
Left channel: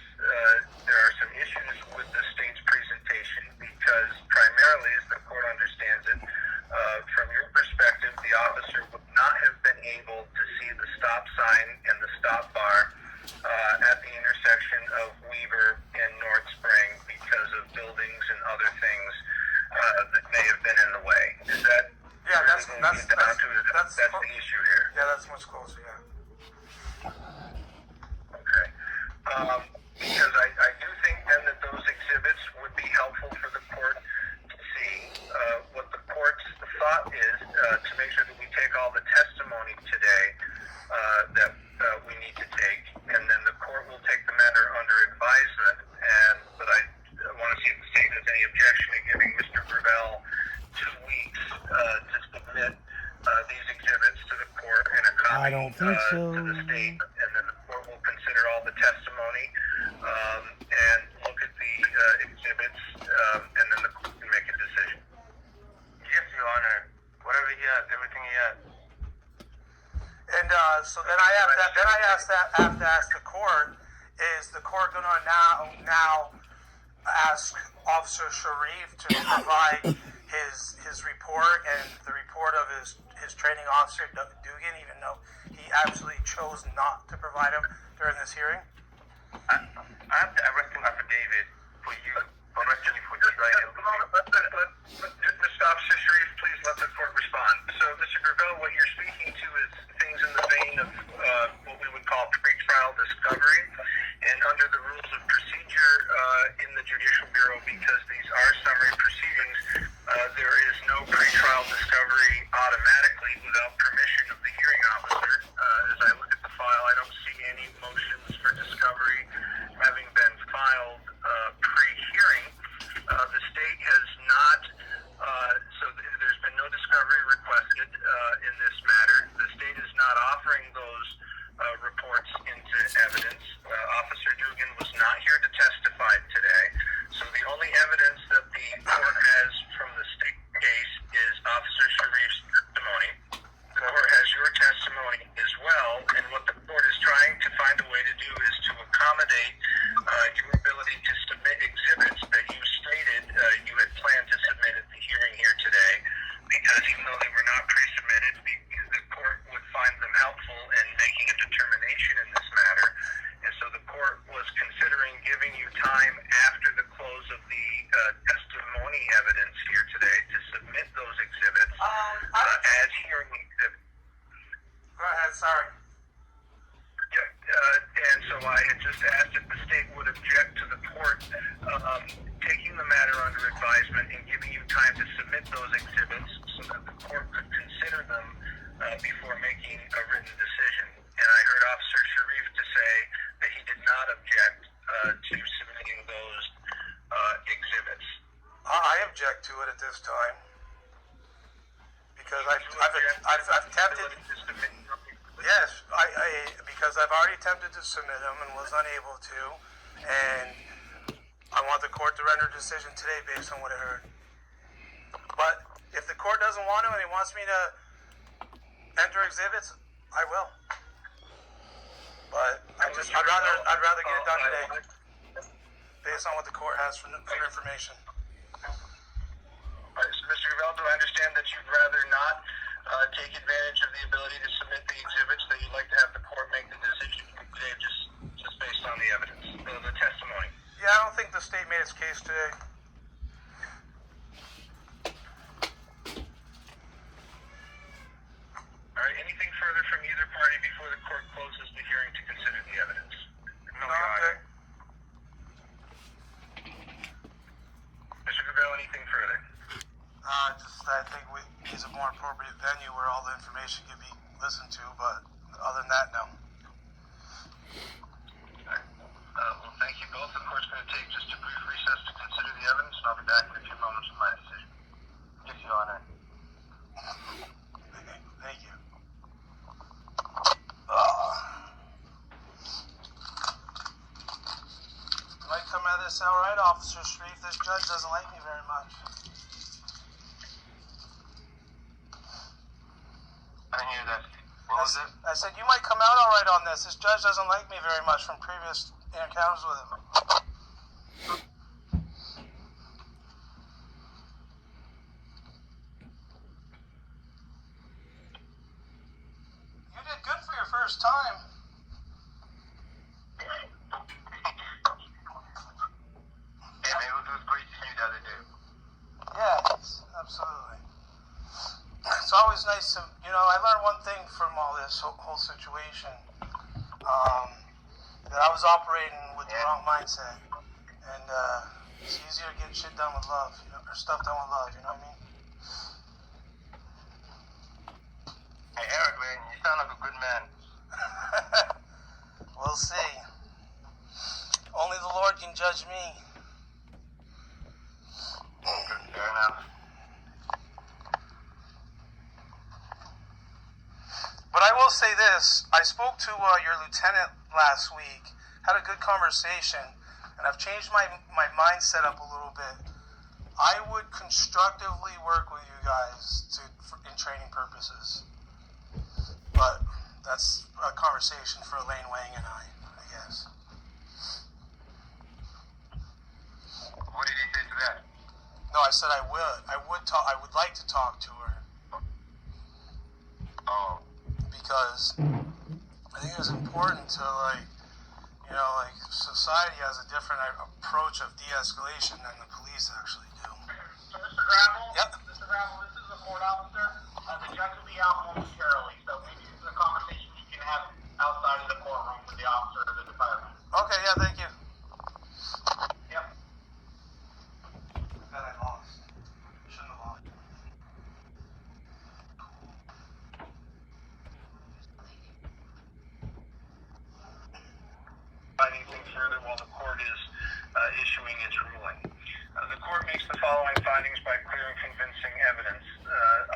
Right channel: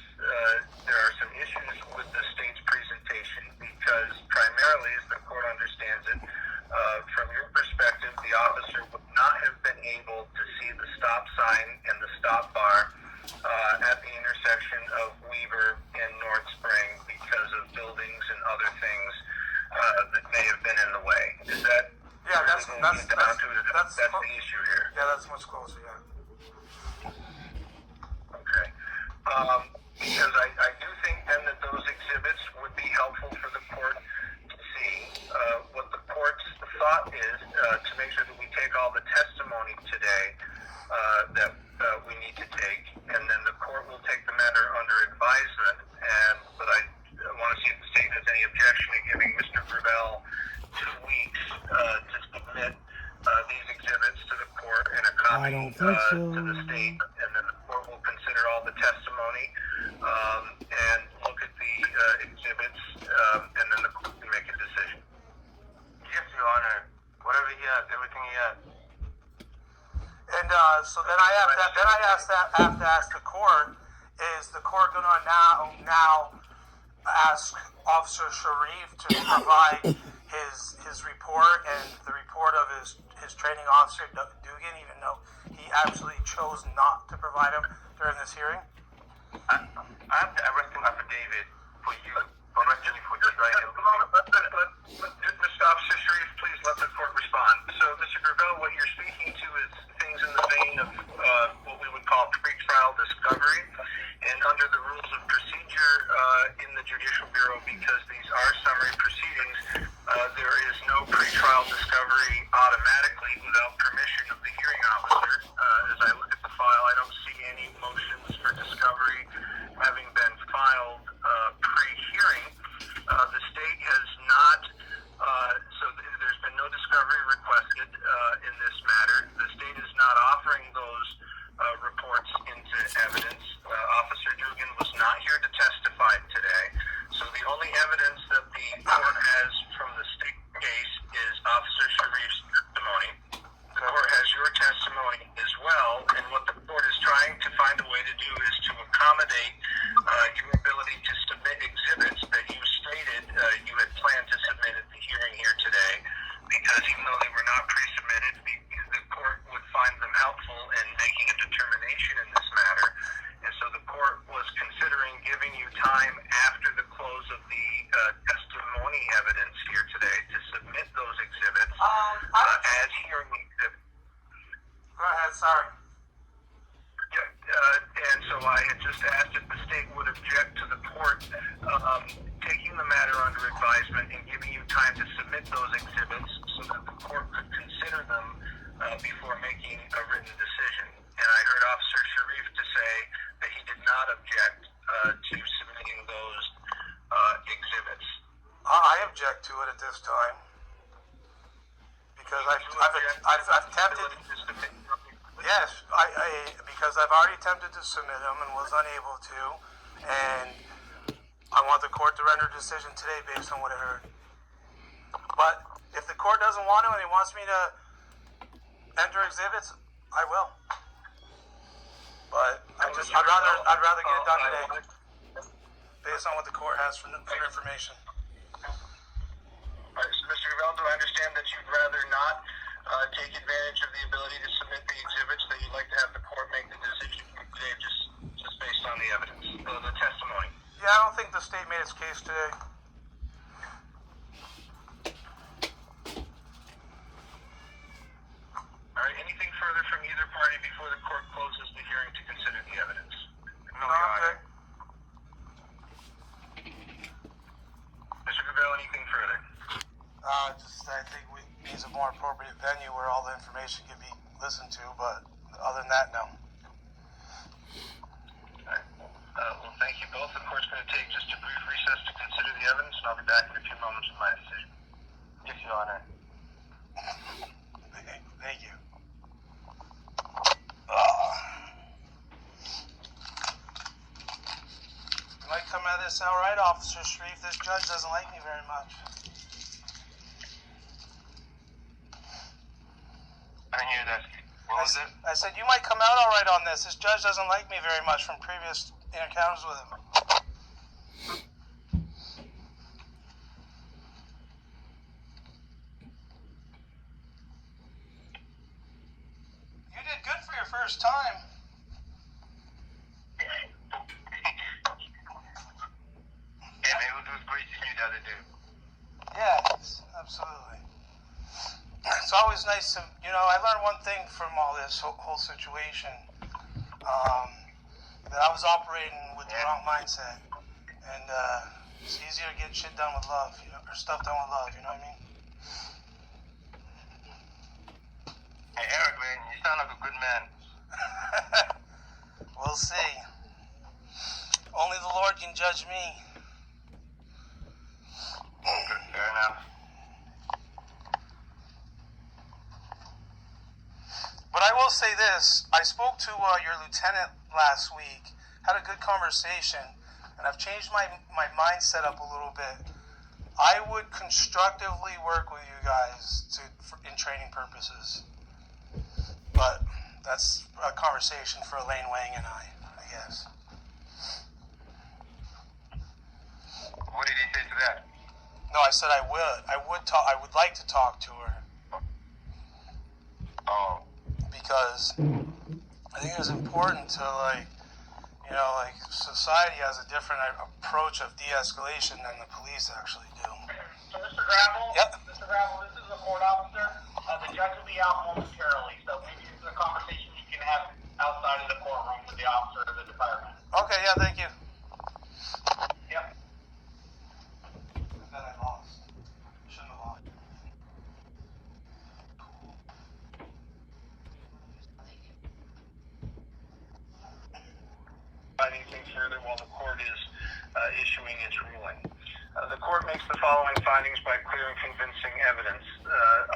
there are some issues with the state's presentation, because primarily think so. to the state, and then the court will consider all the testimony and look at the exhibits, and then the court can make a decision. Yes, Your Honor. Whatever he has, everything he has. And so then I have to ask the court, is the court going to now ask Officer Sharif to provide his report and the report of his training officer, Dugan, even though he actually chose not to provide him during this hearing? I have the arresting affidavit for you, arresting you for you right now. Mr. Officer Sharif, please let the court respond. So, Mr. Gravel, what you're speaking to is things in the vein of what we would call pretrial discovery. And under the rules of procedure in the Judicial Bureau, because these are summary proceedings, there is no pretrial discovery automatically without permission of the hearing officer. As I look at the file, I don't see any motions for discovery having been filed pre-hearing. The state has not, so there's been no discovery requested in this matter. The state is not offering those reports into evidence. Officer Dugan was not here to testify today. So the only evidence that the court has from the state case is Officer Sharif's testimony. The court has your testimony as well, and what the court is trying to find a way to do is to accommodate your ability to submit exhibits that you stated you had planned to submit at the hearing here today, because even though they were not pre-submitted, the court would find them helpful in making a determination in this matter. And so the court was considering giving you time after the close of the testimony evidence here today to submit those exhibits as hearing exhibits. Go ahead, sorry. And so I had just asked if the state would object to the court taking the matter under advisement and giving you time to submit those exhibits so that the court could consider them before making a written decision. And I heard Officer Sharif to say that he did not object to submitting those exhibits. I object to it at this time because I've attempted. Yes, because I've already attempted to submit them and was unable to, and I want the court to render a decision today based on what I heard. But if the court doesn't want to and he wants me to enter exhibits, I will. But I'd rather get it done today based on what the court has for information. So Mr. Gravel, do I understand that you'd rather not take advantage of the ability to submit the exhibits, that you'd like to have the court make the decision today just based on the evidence, the testimony? Yeah, I don't think the state made its case today. All right, anything further from either party before the court closes the hearing to consider the evidence? No, okay. Mr. Gravel, anything further? I think we need a more appropriate venue where all the information can be listened to, but other than that, no. Well, thank you both. The court's going to take just a brief recess to consider the evidence, and I'll be back in a few moments with my decision. Yes, Your Honor. Thank you. You might come at this all right, Officer Sharif. This judge doesn't like me very much. I didn't hear that. What was it? I said you might come out all right on this. This judge doesn't like me very much from previous encounters with him. You did good for your first time. Yeah, man, it was great to see you the other day. Yes, absolutely. It's always nice to, I learned one thing from all this whole situation, that I was operating with the wrong mindset, and it's easier to get shit done with love, or stuff done with love, you know what I mean? Hey, Eric, man, you sound like a good man. We'll see. Only the Lord can judge me. Fair enough. But I will say this. this. I spoke to your lieutenant last week, had a good conversation, and I've changed my mindset up a little bit. I would constructively work with you guys in training purposes. But that's a conversation for Elaine Wang and I guess. What did he say to that? No, I said I would like to talk to her. Oh. Because I think it's important to society has a different approach of de-escalation than the police actually do. So, Mr. Gravel? Yep. Mr. Gravel, this is a court officer. The judge will be out momentarily, so maybe this is a conversation you can have outside of the courtroom with the officer of the department. Okay, yeah, thank you. Yep. That I lost. Shouldn't have lost. Anything further while the court is issuing its ruling. The court makes the following findings by clear and convincing evidence.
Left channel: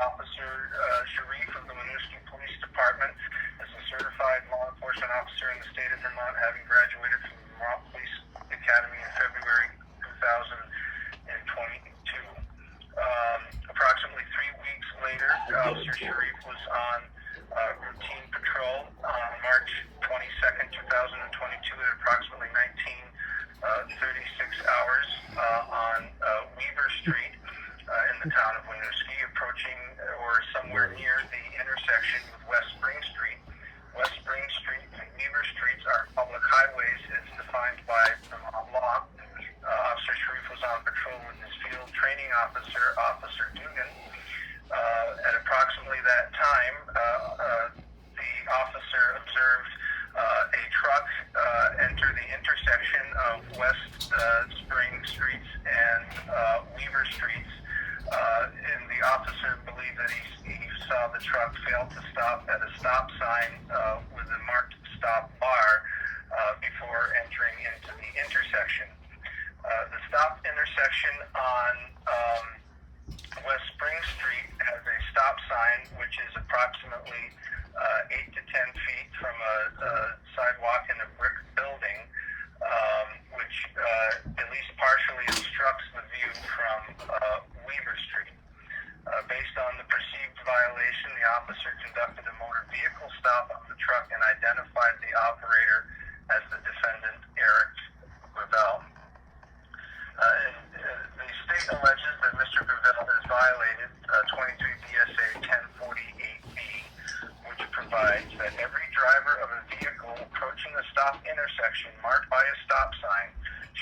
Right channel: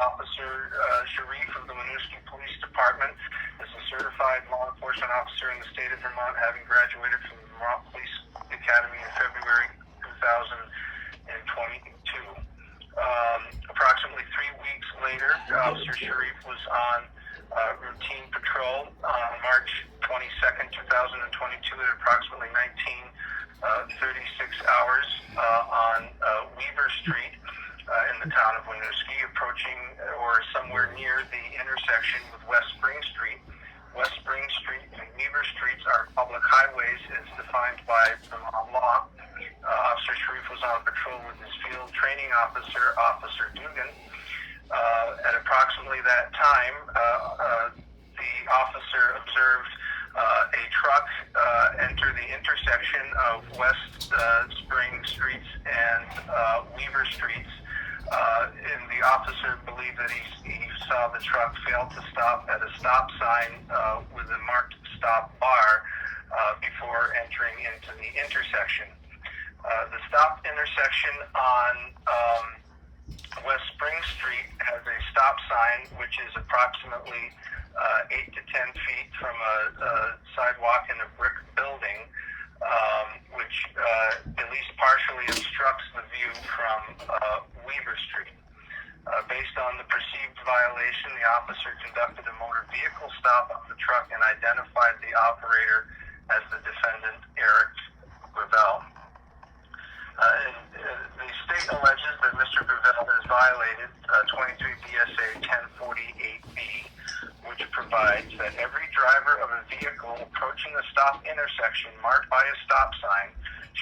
Officer Sharif of the Winooski Police Department is a certified law enforcement officer in the state of Vermont, having graduated from the Vermont Police Academy in February 2022. Approximately 3 weeks later, Officer Sharif was on routine patrol on March 22nd, 2022 at approximately 19:36 hours on Weaver Street in the town of Winooski, approaching or somewhere near the intersection with West Spring Street. West Spring Street and Weaver Streets are public highways as defined by Vermont law. Officer Sharif was on patrol with his field training officer, Officer Dugan. At approximately that time, the officer observed a truck enter the intersection of West Spring Streets and Weaver Streets, and the officer believed that he saw the truck fail to stop at a stop sign with a marked stop bar before entering into the intersection. The stop intersection on West Spring Street has a stop sign which is approximately 8 to 10 feet from a sidewalk in a brick building, which at least partially obstructs the view from Weaver Street. Based on the perceived violation, the officer conducted a motor vehicle stop on the truck and identified the operator as the defendant, Eric Gravel. The state alleges that Mr. Gravel has violated 23 BSA 1048B, which provides that every driver of a vehicle approaching a stop intersection marked by a stop sign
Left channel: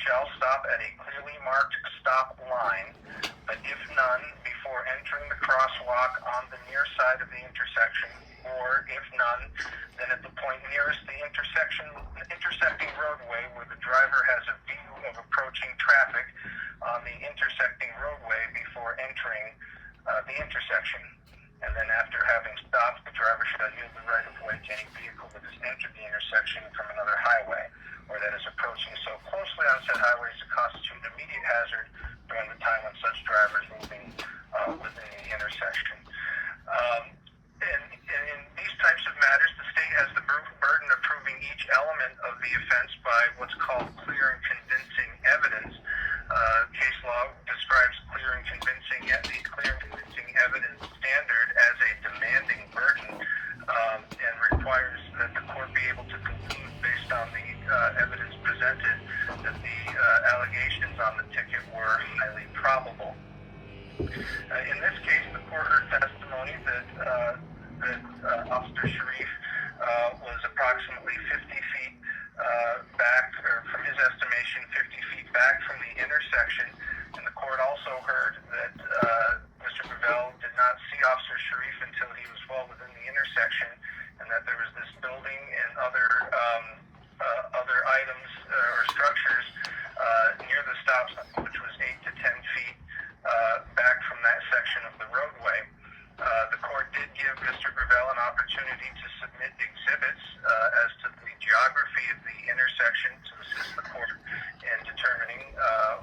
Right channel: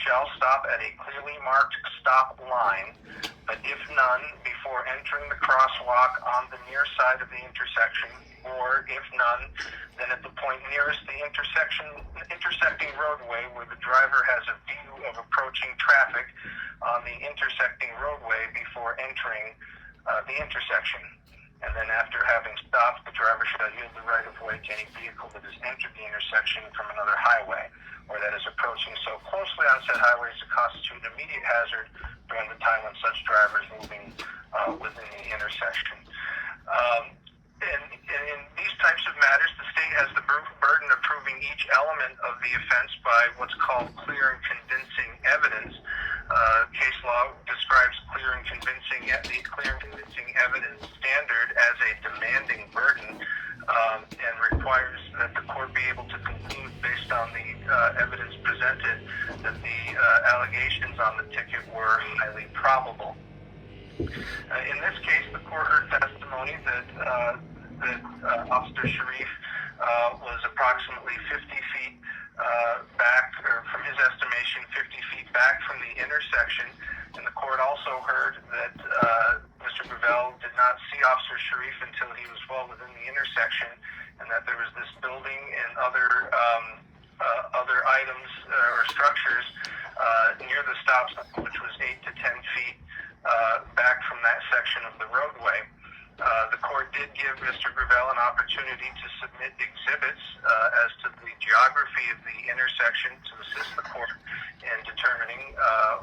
shall stop at a clearly marked stop line, but if none, before entering the crosswalk on the near side of the intersection, or if none, then at the point nearest the intersecting roadway where the driver has a view of approaching traffic on the intersecting roadway before entering the intersection. And then after having stopped, the driver shall yield the right of way to any vehicle that has entered the intersection from another highway or that is approaching so closely on said highway as to constitute an immediate hazard during the time when such driver is moving within the intersection. In these types of matters, the state has the burden of proving each element of the offense by what's called clear and convincing evidence. Case law describes clear and convincing evidence standard as a demanding burden and requires that the court be able to conclude based on the evidence presented that the allegations on the ticket were highly probable. In this case, the court heard testimony that Officer Sharif was approximately 50 feet back, or from his estimation, 50 feet back from the intersection. And the court also heard that Mr. Gravel did not see Officer Sharif until he was well within the intersection, and that there was this building and other items or structures near the stop sign, which was 8 to 10 feet back from that section of the roadway. The court did give Mr. Gravel an opportunity to submit exhibits as to the geography of the intersection to assist the court in determining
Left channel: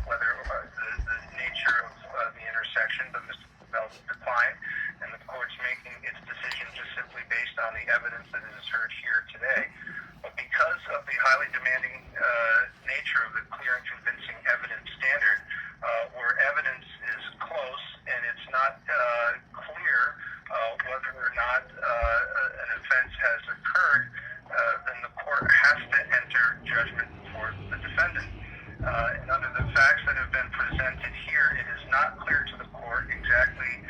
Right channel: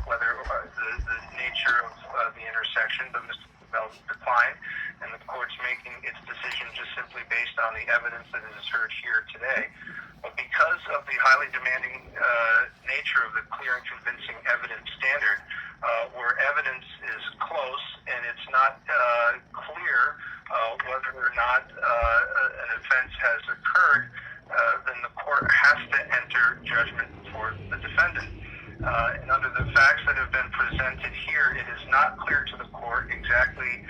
whether the nature of the intersection, but Mr. Gravel declined, and the court's making its decision just simply based on the evidence that is heard here today. But because of the highly demanding nature of the clear and convincing evidence standard, where evidence is close and it's not clear whether or not an offense has occurred, then the court has to enter judgment for the defendant. And under the facts that have been presented here, it is not clear to the court exactly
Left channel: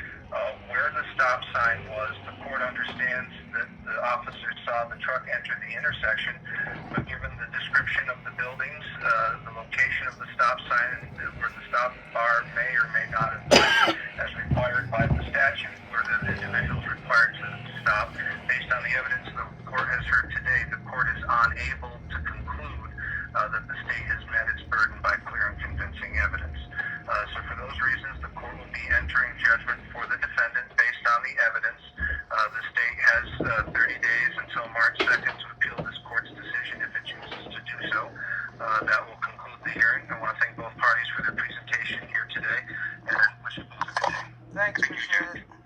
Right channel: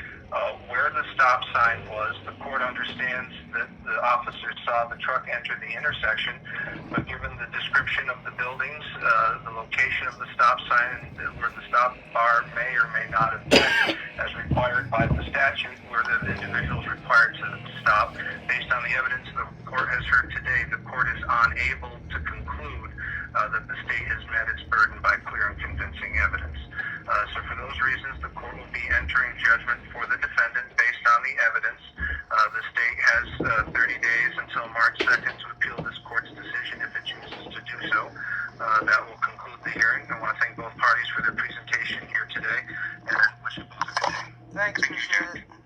where the stop sign was. The court understands that the officer saw the truck enter the intersection, but given the description of the buildings, the location of the stop sign, where the stop bar may or may not have been, as required by the statute, where the individual is required to stop, based on the evidence the court has heard today, the court is unable to conclude that the state has met its burden by clear and convincing evidence. So for those reasons, the court will be entering judgment for the defendant based on the evidence. The state has 30 days until March 2nd to appeal this court's decision if it chooses to do so. That will conclude the hearing. I want to thank both parties for their presentation here today, and wish you both a good day. Thanks, appreciate it.